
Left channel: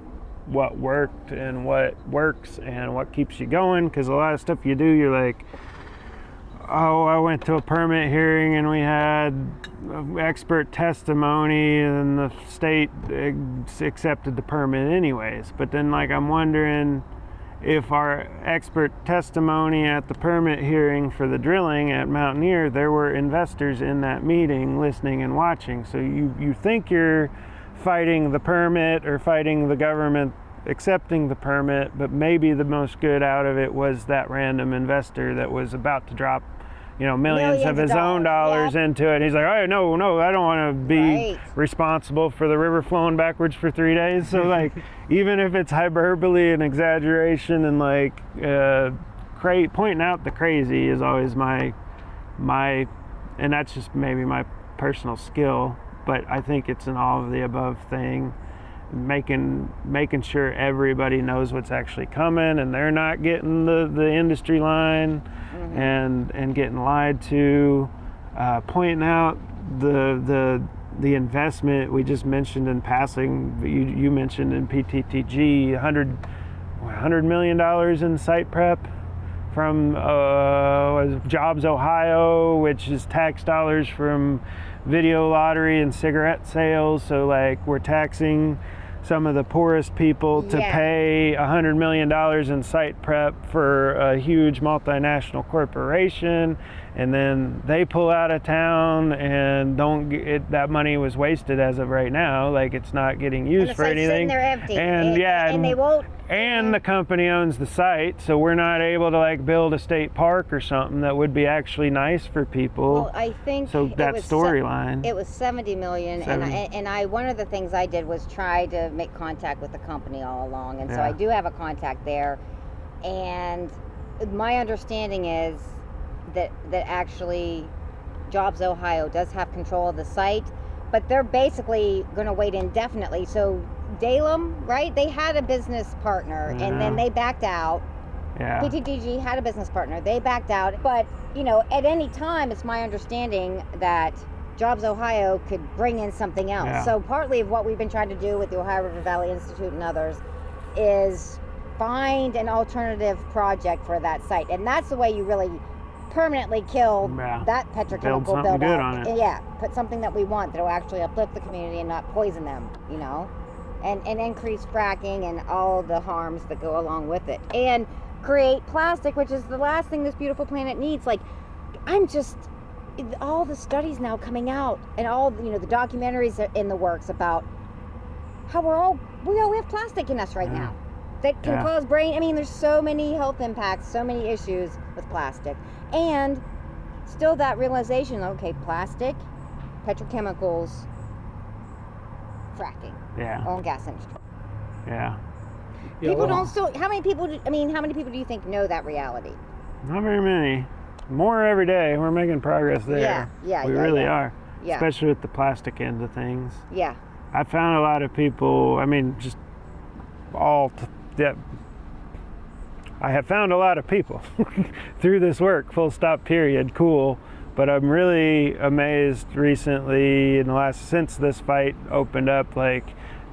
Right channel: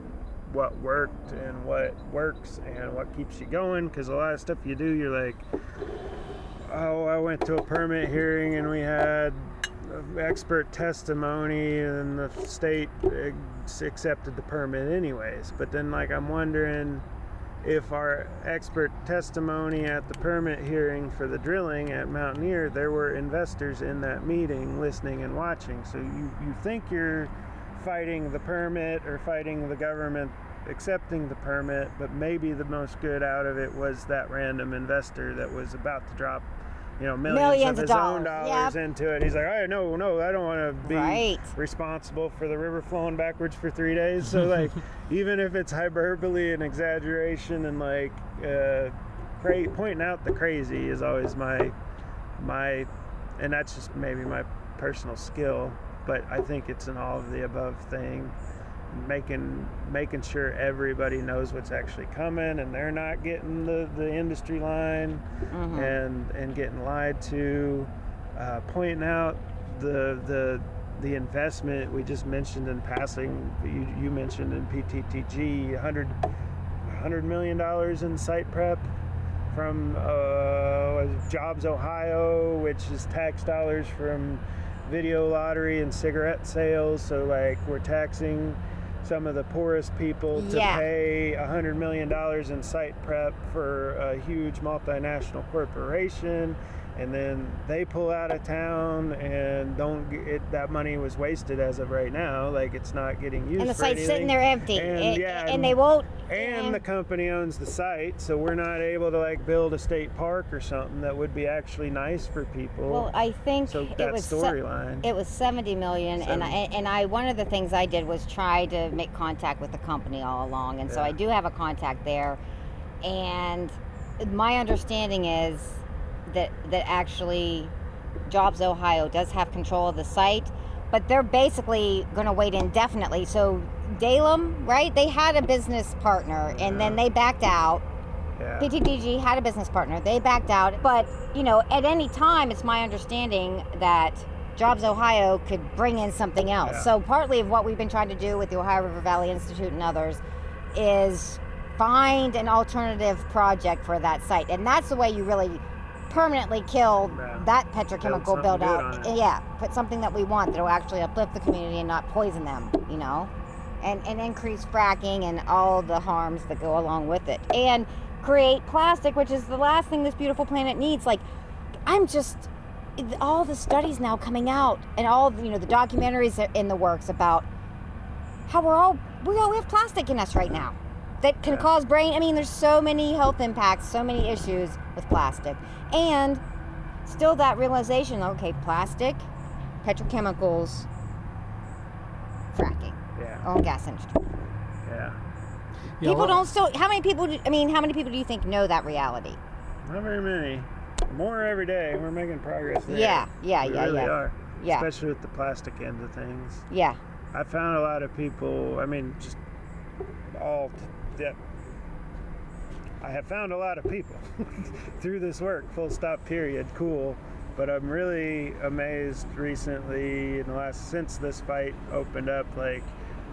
what worked and what works and what keeps you going, because a lot of stuff you do, you're like, oh, I went to a permit hearing and we had expert testimony and the state accepted the permit anyways. But then, like, I'm wondering if our expert testimony at the permit hearing for the drilling at Mountaineer, there were investors in that meeting listening and watching. So you think you're fighting the permit or fighting the government accepting the permit, but maybe the most good out of it was that random investor that was about to drop, you know, millions of his own dollars into it. He's like, oh, no, I don't want to be responsible for the river flowing backwards for 3 days. So like, even if it's hyperbole and exaggeration and like pointing out the crazy is always my, and that's just maybe my personal skill, but I think it's an all of the above thing. Making sure everybody knows what's actually coming and they're not getting the industry line and getting lied to, pointing out the investment we just mentioned in passing. You mentioned in PTTG $100 million in site prep from Jobs Ohio, which is tax dollars from video lottery and cigarette sales. So like, we're taxing some of the poorest people to pay $100 million in site prep for a huge multinational corporation, and then they pull out of town and don't get that money was wasted as of right now. Like, it's not getting used for anything. Sitting there empty. And they won't. And the company owns the site, so we're not able to like build a state park or something that would be actually nice for people. Well, I think so. That storyline. It was $70 million, and I one of the things I did was try to make contact with the company all along, and so I do have a contact there, and my understanding is that actually Jobs Ohio does have control of the site, but they're basically going to wait indefinitely. So Dalem, right? They had a business partner, and then they backed out. Yeah. PTTG had a business partner. They backed out. But, you know, at any time, it's my understanding that Jobs Ohio could bring in something else. Yeah. So partly of what we've been trying to do with the Ohio River Valley Institute and others is find an alternative project for that site. And that's the way you really permanently kill that petrochemical build out. Yeah, put something that we want that will actually uplift the community and not poison them, you know? And increase fracking and all the harms that go along with it. And create plastic, which is the last thing this beautiful planet needs. Like, all the studies now coming out and all, you know, the documentaries are in the works about how we have plastic in us right now that can cause brain. I mean, there's so many health impacts, so many issues with plastic. And still that realization, okay, plastic, petrochemicals, fracking, Yeah. oil and gas industry. Yeah. Yeah, People well, don't still. How many people do you think know that reality? Not very many. More every day. We're making progress there. We really are. Yeah. Especially with the plastic end of things. Yeah. I found a lot of people, just I have found a lot of people through this work, full stop, period, cool. But I'm really amazed recently since this fight opened up, like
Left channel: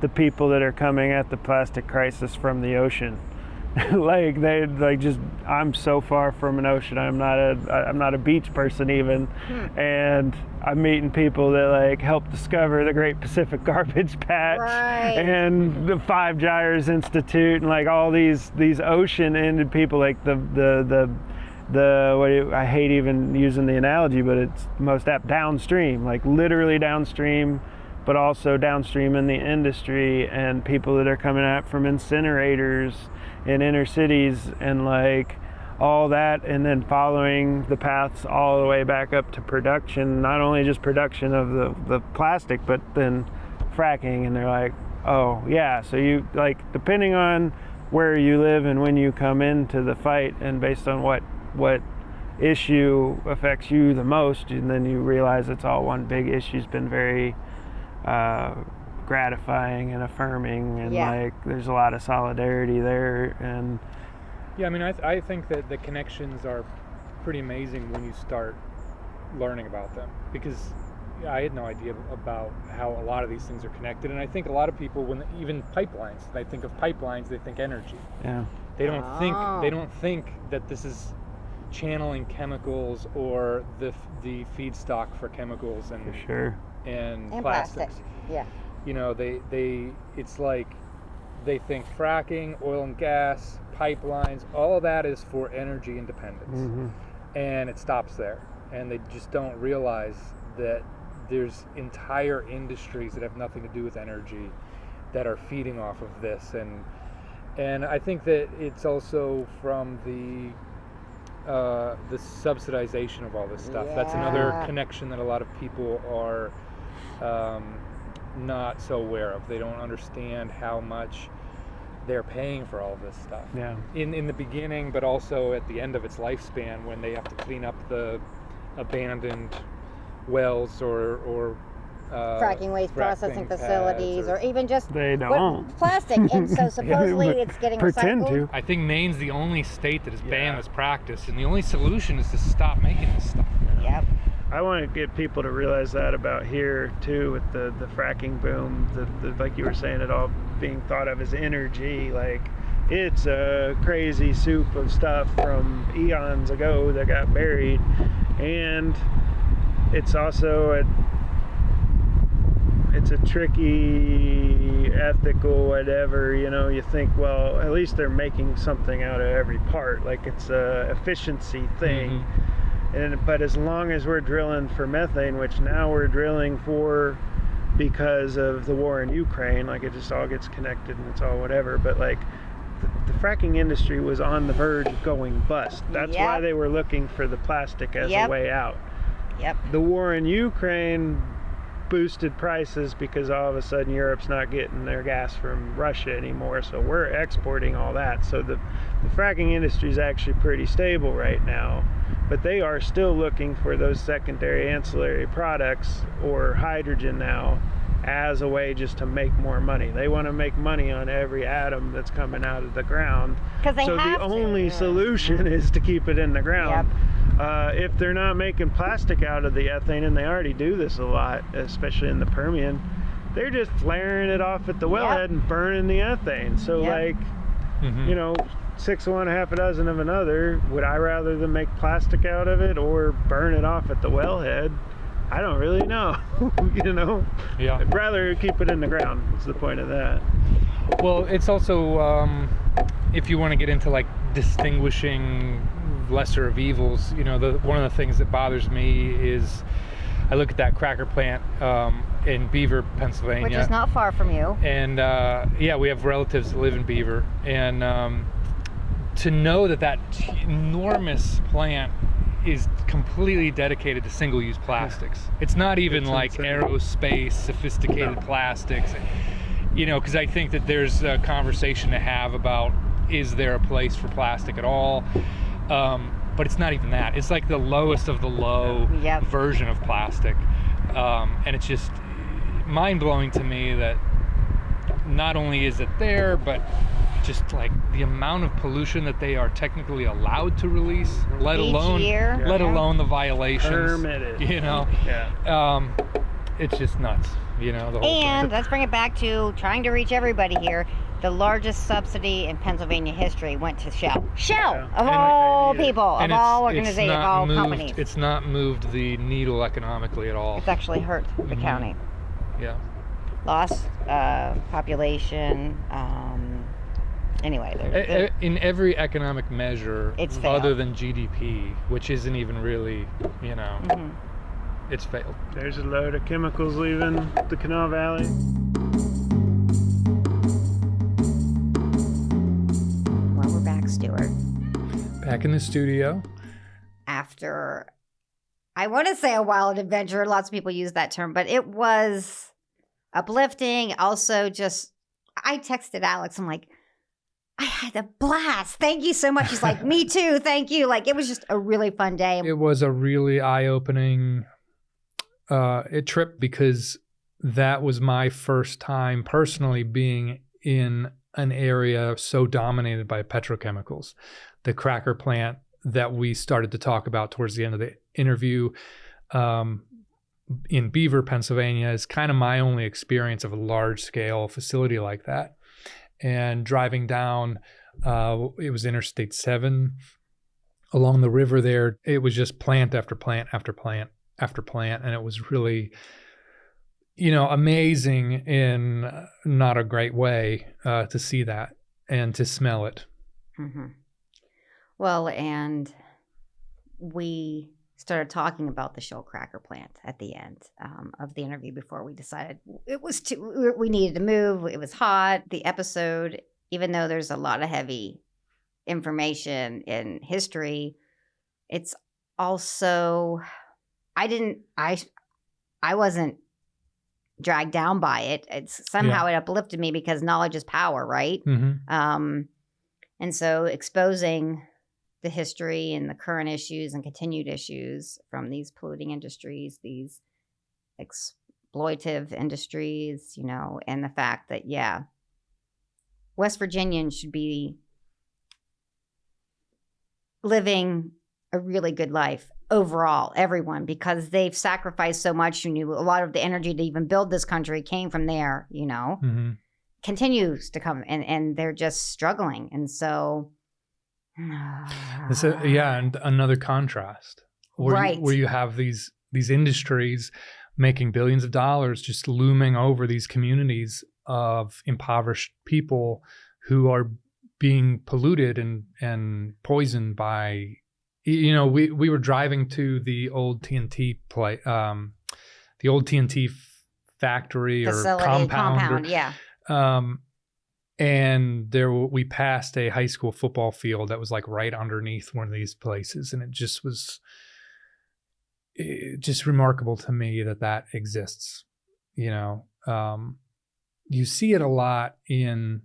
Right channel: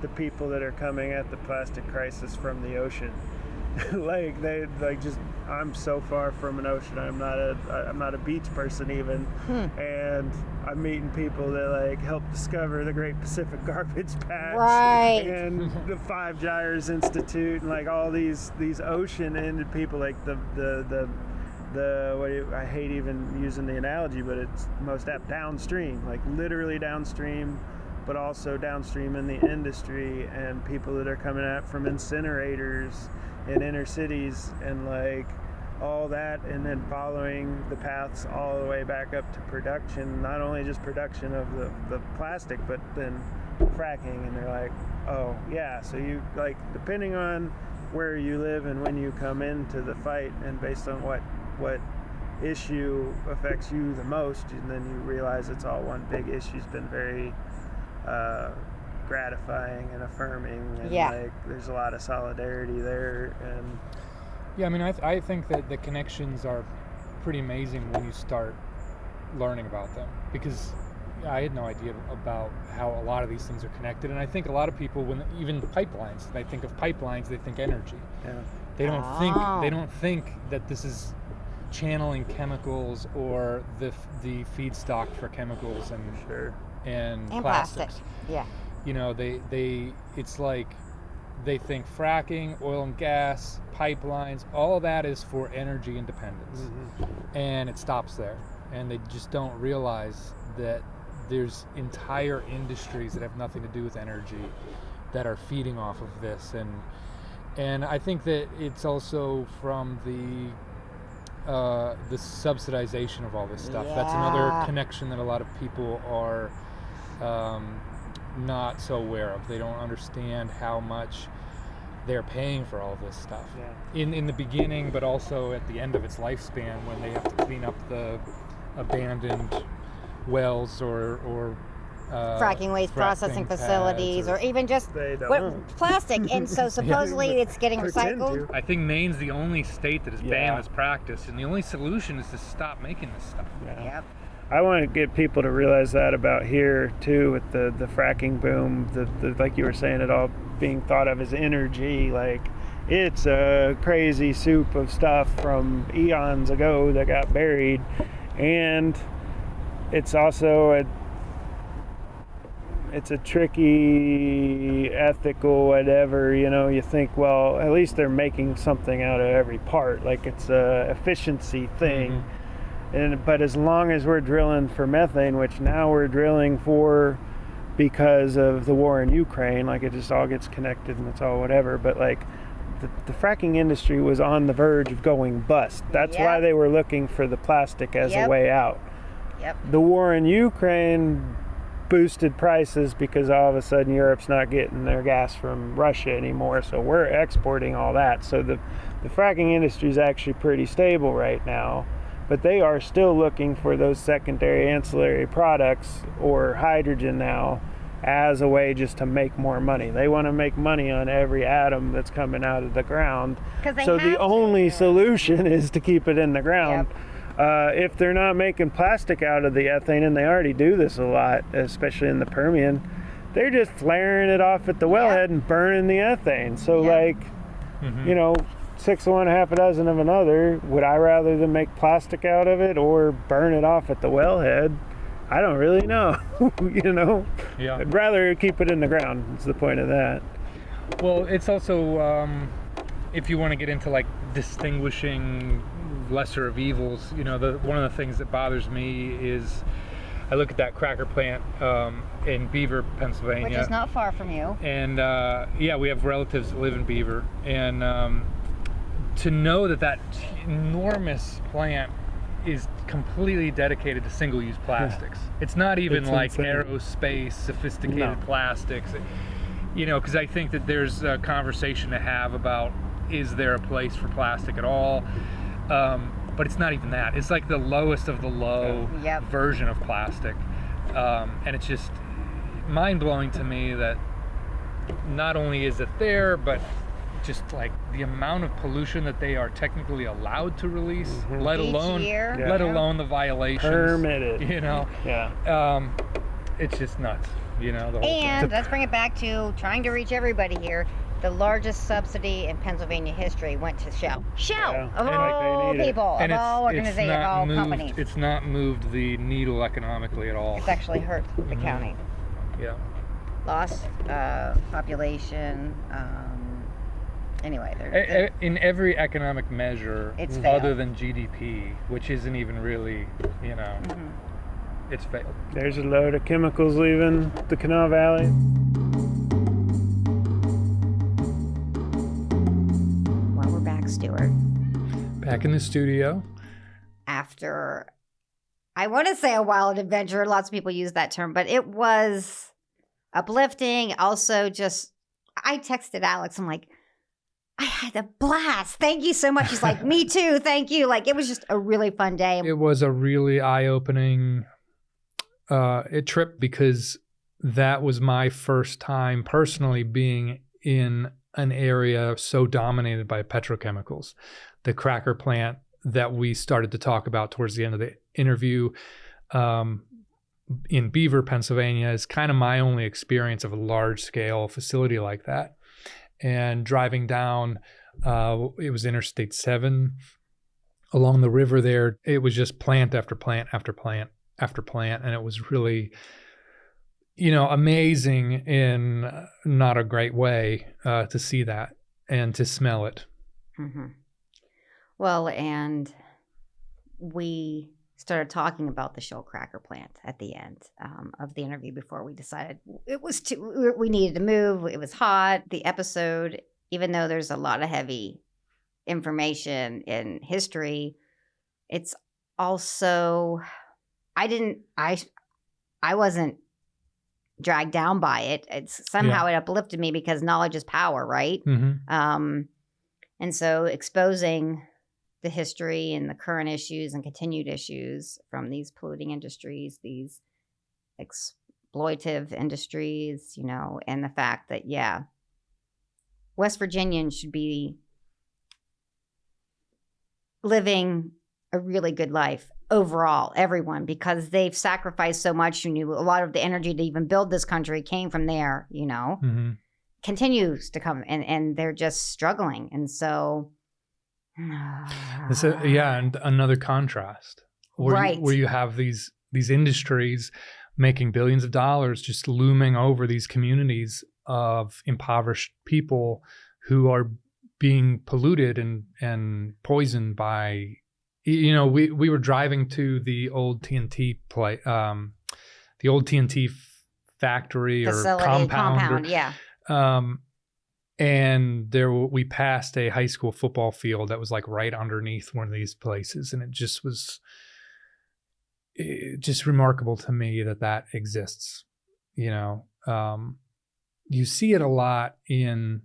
the people that are coming at the plastic crisis from the ocean. I'm so far from an ocean. I'm not a beach person even, and I'm meeting people that help discover the Great Pacific Garbage Patch and the Five Gyres Institute and all these ocean-ended people, like I hate even using the analogy, but it's most apt, downstream, literally downstream, but also downstream in the industry, and people that are coming out from incinerators in inner cities and all that, and then following the paths all the way back up to production, not only just production of the plastic, but then fracking. And they're like, oh yeah, so you depending on where you live and when you come into the fight, and based on what issue affects you the most, and then you realize it's all one big issue. Has been very gratifying and affirming, and there's a lot of solidarity there. And I think that the connections are pretty amazing when you start learning about them, because I had no idea about how a lot of these things are connected. And I think a lot of people, when even pipelines, they think of pipelines, they think energy. Yeah. They don't think that this is channeling chemicals or the feedstock for chemicals and sure. and plastic. plastics. Yeah. It's like they think fracking, oil and gas, pipelines, all of that is for energy independence. Mm-hmm. And it stops there. And they just don't realize that there's entire industries that have nothing to do with energy that are feeding off of this. And I think that it's also from the subsidization of all this stuff. Yeah. That's another connection that a lot of people are not so aware of. They don't understand how much they're paying for all this stuff. Yeah. In the beginning, but also at the end of its lifespan, when they have to clean up the abandoned wells or fracking waste processing facilities, or even just they don't plastic. And so supposedly it's getting pretend recycled. to. I think Maine's the only state that has banned this practice, and the only solution is to stop making this stuff. Yep. I want to get people to realize that about here too, with the fracking boom, the like you were saying, it all being thought of as energy. It's a crazy soup of stuff from eons ago that got buried, and it's also it's a tricky ethical whatever, you think, well, at least they're making something out of every part, it's a efficiency thing. Mm-hmm. But as long as we're drilling for methane, which now we're drilling for because of the war in Ukraine, it just all gets connected and it's all whatever, but the fracking industry was on the verge of going bust. That's why they were looking for the plastic as a way out. Yep. The war in Ukraine boosted prices because all of a sudden Europe's not getting their gas from Russia anymore, so we're exporting all that. So the fracking industry is actually pretty stable right now, but they are still looking for those secondary ancillary products or hydrogen now as a way just to make more money. They want to make money on every atom that's coming out of the ground. So the only solution is to keep it in the ground. Yep. If they're not making plastic out of the ethane, and they already do this a lot, especially in the Permian, they're just flaring it off at the wellhead and burning the ethane. So 6 of one, half a dozen of another. Would I rather them make plastic out of it or burn it off at the wellhead? I don't really know. Yeah. I'd rather keep it in the ground. Is the point of that. Well, it's also if you want to get into distinguishing lesser of evils, one of the things that bothers me is I look at that cracker plant in Beaver, Pennsylvania, Which is not far from you. and we have relatives that live in Beaver, and to know that enormous plant is completely dedicated to single-use plastics. It's not even It's like insane. aerospace, sophisticated No. plastics. You know, because I think that there's a conversation to have about, is there a place for plastic at all? But it's not even that. It's like the lowest of the low Yep. version of plastic. And it's just mind-blowing to me that not only is it there, but just like the amount of pollution that they are technically allowed to release, let Each alone year. Yeah. let alone the violations. Permitted. You know, Yeah. it's just nuts. You know, the whole And thing. let's bring it back to trying to reach everybody here. The largest subsidy in Pennsylvania history went to Shell. Shell, Yeah. of And all they need it. people, of And all it's organizations, of not all moved, companies. It's not moved the needle economically at all. It's actually hurt the Mhm. county. Yeah. Lost population. Anyway, they're In every economic measure, It's other failed. than GDP, which isn't even really, you know, Mhm. it's failed. There's a load of chemicals leaving the Kanawha Valley. Well, we're back, Stuart. Back in the studio. After, I want to say a wild adventure. Lots of people use that term, but it was uplifting. Also, just, I texted Alex. I'm like, I had a blast. Thank you so much. He's like, me too. Thank you. Like, it was just a really fun day. It was a really eye-opening trip because that was my first time personally being in an area so dominated by petrochemicals. The cracker plant that we started to talk about towards the end of the interview in Beaver, Pennsylvania, is kind of my only experience of a large-scale facility like that. And driving down, it was Interstate 7 along the river there. It was just plant after plant after plant after plant. And it was really, you know, amazing in not a great way to see that and to smell it. Mm-hmm. Well, and we started talking about the Shell cracker plant at the end of the interview before we decided it was we needed to move. It was hot. The episode, even though there's a lot of heavy information in history, it's also, I wasn't dragged down by it. It's somehow it uplifted me because knowledge is power, right? Mm-hmm. And so exposing the history and the current issues and continued issues from these polluting industries, these exploitive industries, you know, and the fact that, yeah, West Virginians should be living a really good life overall, everyone, because they've sacrificed so much. And a lot of the energy to even build this country came from there, you know, continues to come, and they're just struggling. And so, and another contrast Right. where you have these industries making billions of dollars just looming over these communities of impoverished people who are being polluted and poisoned by, you know, we were driving to the old TNT the old TNT factory facility, or compound, yeah. And there we passed a high school football field that was like right underneath one of these places, and it just was just remarkable to me that exists. You know, you see it a lot in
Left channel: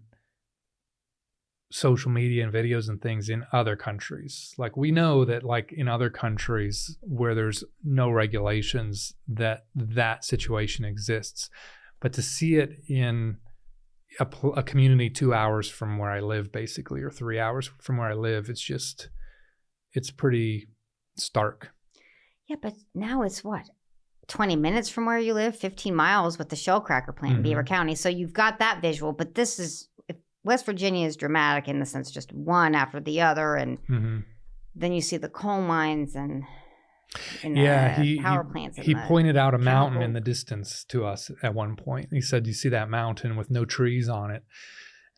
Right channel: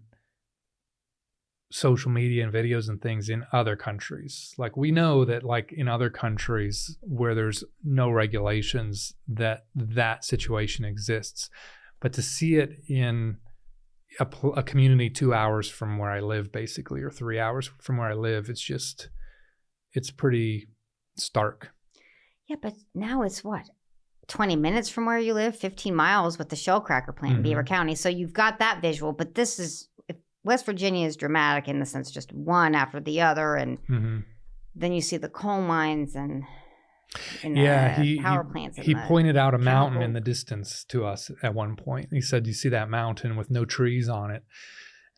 social media and videos and things in other countries. Like, we know that, like, in other countries where there's no regulations, that situation exists, but to see it in a community 2 hours from where I live, basically, or 3 hours from where I live, it's pretty stark. Yeah, but now it's what? 20 minutes from where you live, 15 miles with the Shell cracker plant in Beaver County. So you've got that visual, but this is, West Virginia is dramatic in the sense just one after the other. And then you see the coal mines and power plants. He pointed out a mountain in the distance to us at one point. He said, "You see that mountain with no trees on it?"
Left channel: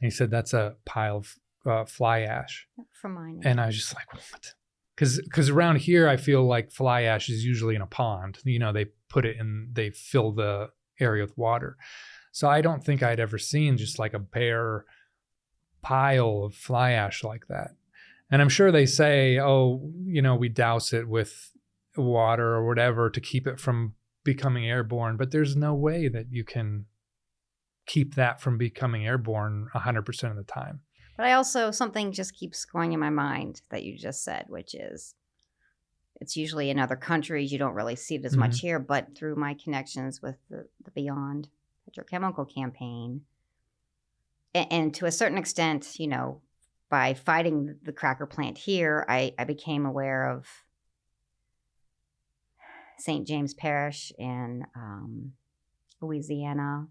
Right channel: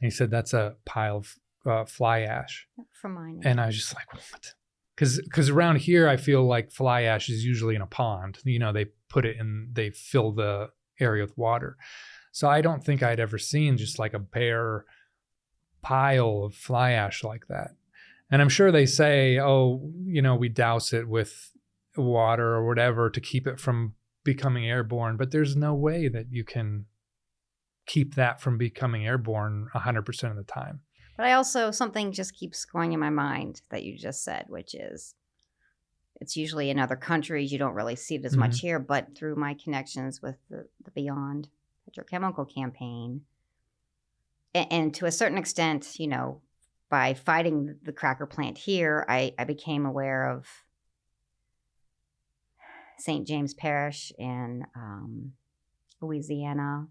And he said, "That's a pile of fly ash." From mining. And I was just like, "What?" Because around here, I feel like fly ash is usually in a pond. You know, they put it in, they fill the area with water. So I don't think I'd ever seen just like a bare pile of fly ash like that. And I'm sure they say, oh, we douse it with water or whatever to keep it from becoming airborne, but there's no way that you can keep that from becoming airborne 100% of the time. But I also, something just keeps going in my mind that you just said, which is it's usually in other countries. You don't really see it as much here, but through my connections with the Beyond Petrochemical campaign, and to a certain extent, by fighting the cracker plant here, I became aware of St. James Parish in Louisiana,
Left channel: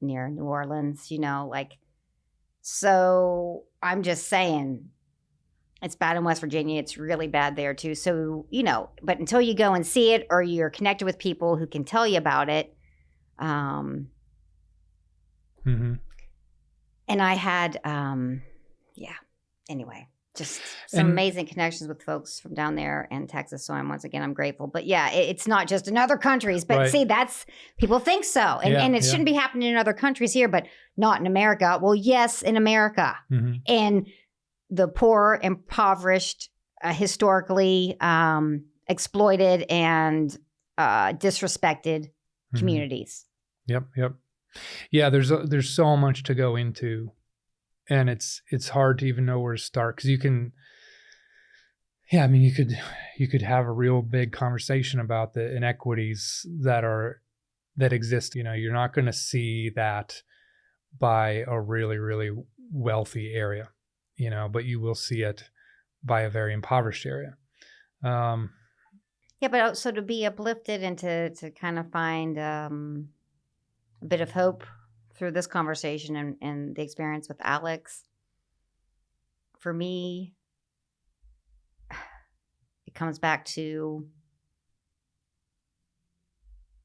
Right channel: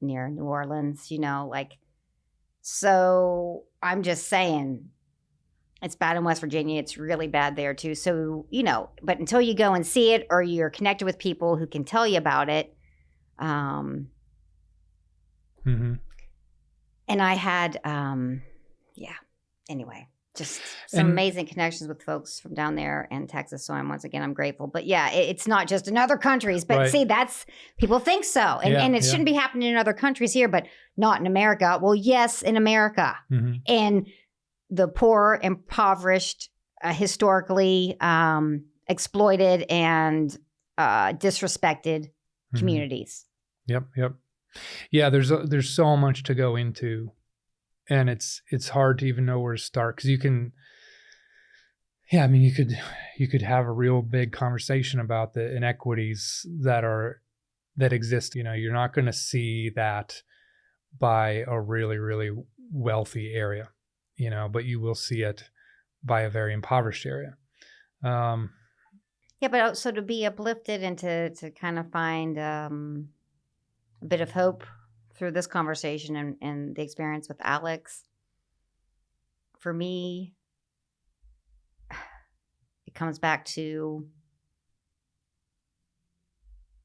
near New Orleans, so I'm just saying it's bad in West Virginia. It's really bad there too. So, but until you go and see it or you're connected with people who can tell you about it. And I had, anyway, just some amazing connections with folks from down there in Texas. So I'm grateful. But yeah, it's not just in other countries. But see, people think so. And it shouldn't be happening in other countries here, but not in America. Well, yes, in America. And the poor, impoverished, historically exploited and disrespected communities. Yep. Yeah, there's so much to go into. And it's hard to even know where to start, because you could have a real big conversation about the inequities that exist. You're not going to see that by a really, really wealthy area, but you will see it by a very impoverished area. But also to be uplifted and to kind of find a bit of hope through this conversation and the experience with Alex, for me, it comes back to,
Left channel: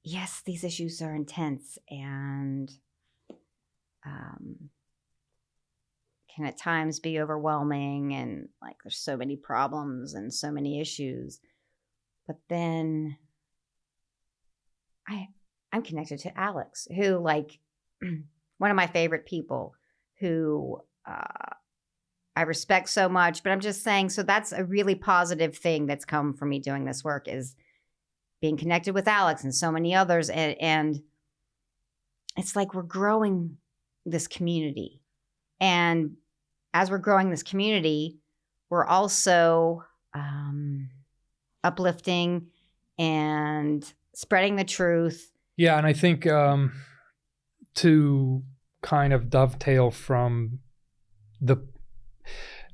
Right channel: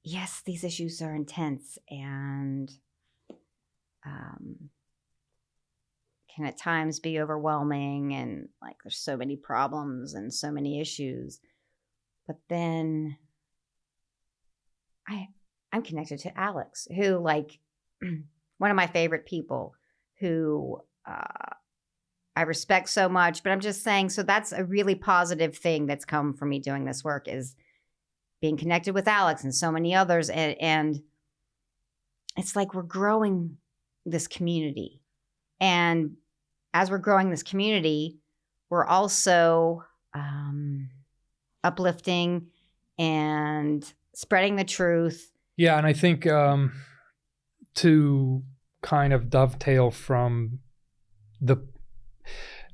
yes, these issues are intense and can at times be overwhelming, and there's so many problems and so many issues. But then I'm connected to Alex, who one of my favorite people, who I respect so much. But I'm just saying, so that's a really positive thing that's come from me doing this work, is being connected with Alex and so many others. And it's we're growing this community. And as we're growing this community, we're also uplifting and spreading the truth. Yeah, and I think to kind of dovetail from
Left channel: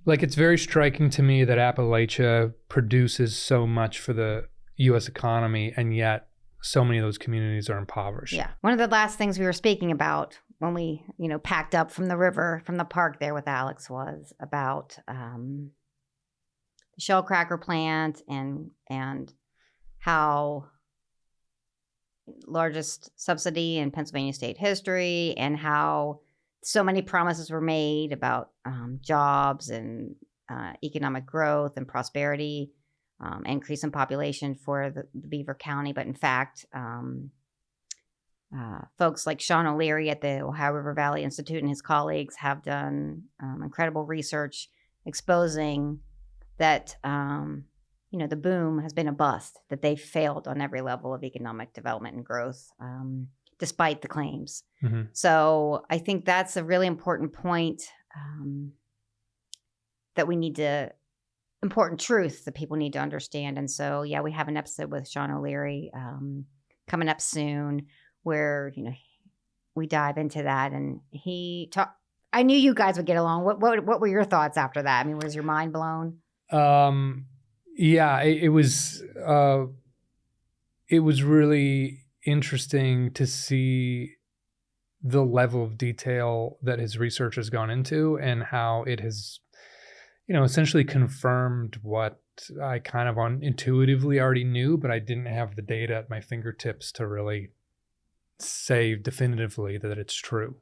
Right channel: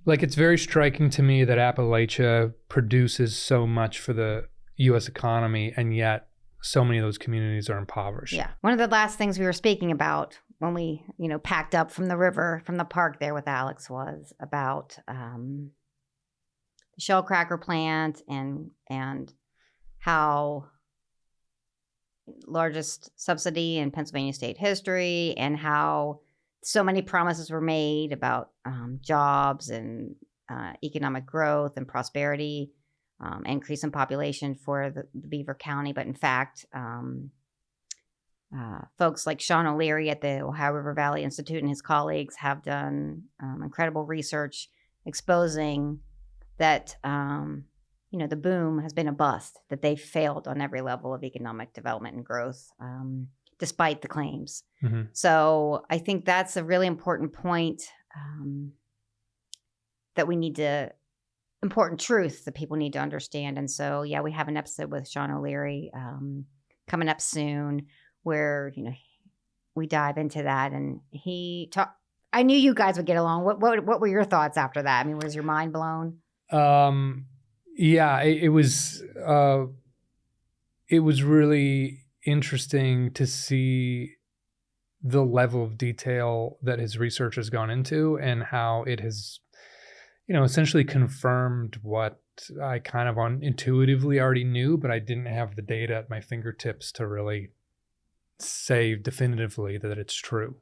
it's very striking to me that Appalachia produces so much for the U.S. economy, and yet so many of those communities are impoverished. Yeah. One of the last things we were speaking about when we, packed up from the river, from the park there with Alex, was about the shell cracker plant and how largest subsidy in Pennsylvania state history, and how so many promises were made about jobs and economic growth and prosperity, increase in population for the Beaver County. But in fact, folks like Sean O'Leary at the Ohio River Valley Institute and his colleagues have done incredible research exposing that the boom has been a bust, that they failed on every level of economic development and growth, despite the claims. So I think that's a really important point, that we need to, important truth that people need to understand. And so, we have an episode with Sean O'Leary coming up soon where, we dive into that. And I knew you guys would get along. What were your thoughts after that? I mean, was your mind blown? Yeah, it was really interesting to see the level of detail that his research has gone into, and how it has, essentially confirmed what I kind of intuitively already knew, but I didn't have the data at my fingertips to really say definitively that it's true.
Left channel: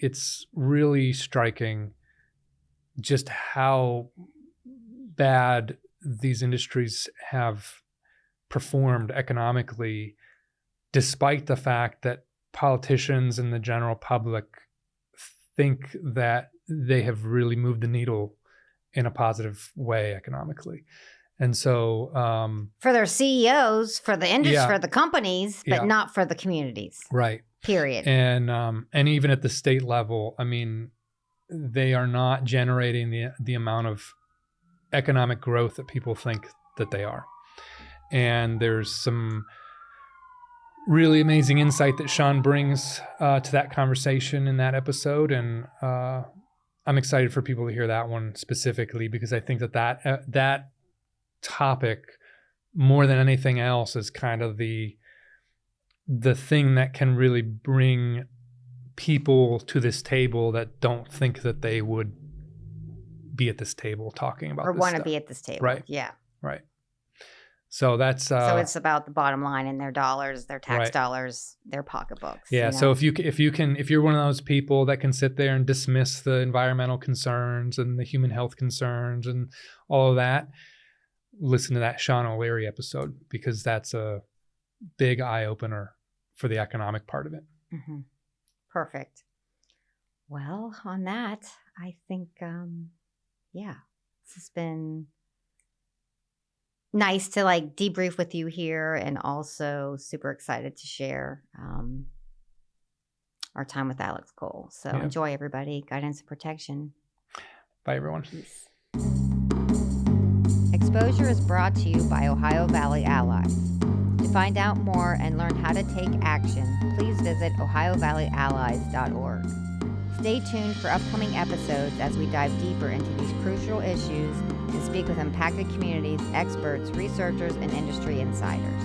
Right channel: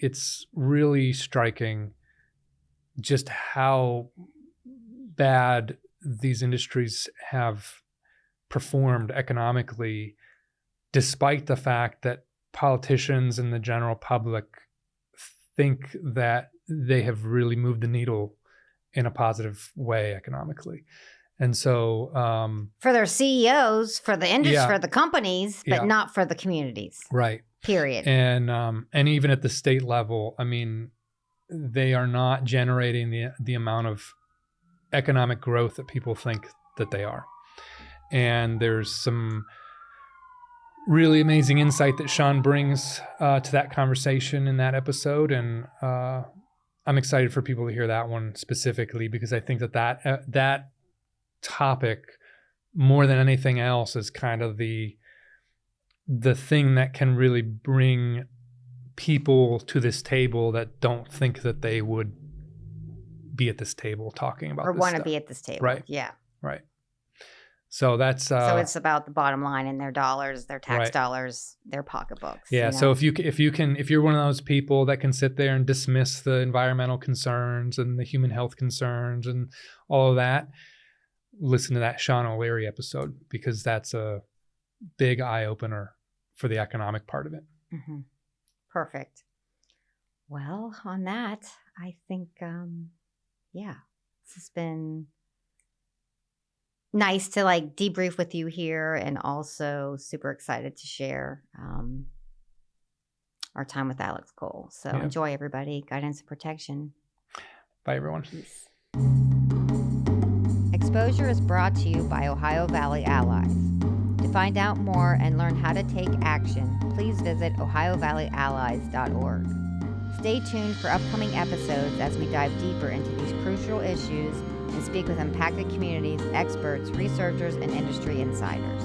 It's really striking just how bad these industries have performed economically, despite the fact that politicians and the general public think that they have really moved the needle in a positive way economically. And so for their CEOs, for the industry, Yeah. for the companies, but Yeah. not for the communities. right. Period. And even at the state level, I mean, they are not generating the amount of economic growth that people think that they are. And there's some really amazing insight that Sean brings to that conversation in that episode, and I'm excited for people to hear that one specifically, because I think that topic, more than anything else, is kind of the thing that can really bring people to this table that don't think that they would be at this table talking about Or this want to stuff. be at this table. Right. Yeah. Right. So that's So it's about the bottom line and their dollars, their tax Right. dollars, their pocketbooks. yeah. you So know? if you're one of those people that can sit there and dismiss the environmental concerns and the human health concerns and all of that, listen to that Sean O'Leary episode, because that's a big eye opener for the economic part of it. Mhm. Perfect. Well, on that, I think, this has been nice to like debrief with you here, and also super excited to share our time with Alex Cole. So Yeah. enjoy, everybody. Guidance and protection. Bye, everyone. Peace. Exposure is brought to you by Ohio Valley Allies. To find out more and learn how to take action, please visit ohiovalleyallies.org. Stay tuned for upcoming episodes as we dive deeper into these crucial issues and speak with impacted communities, experts, researchers, and industry insiders.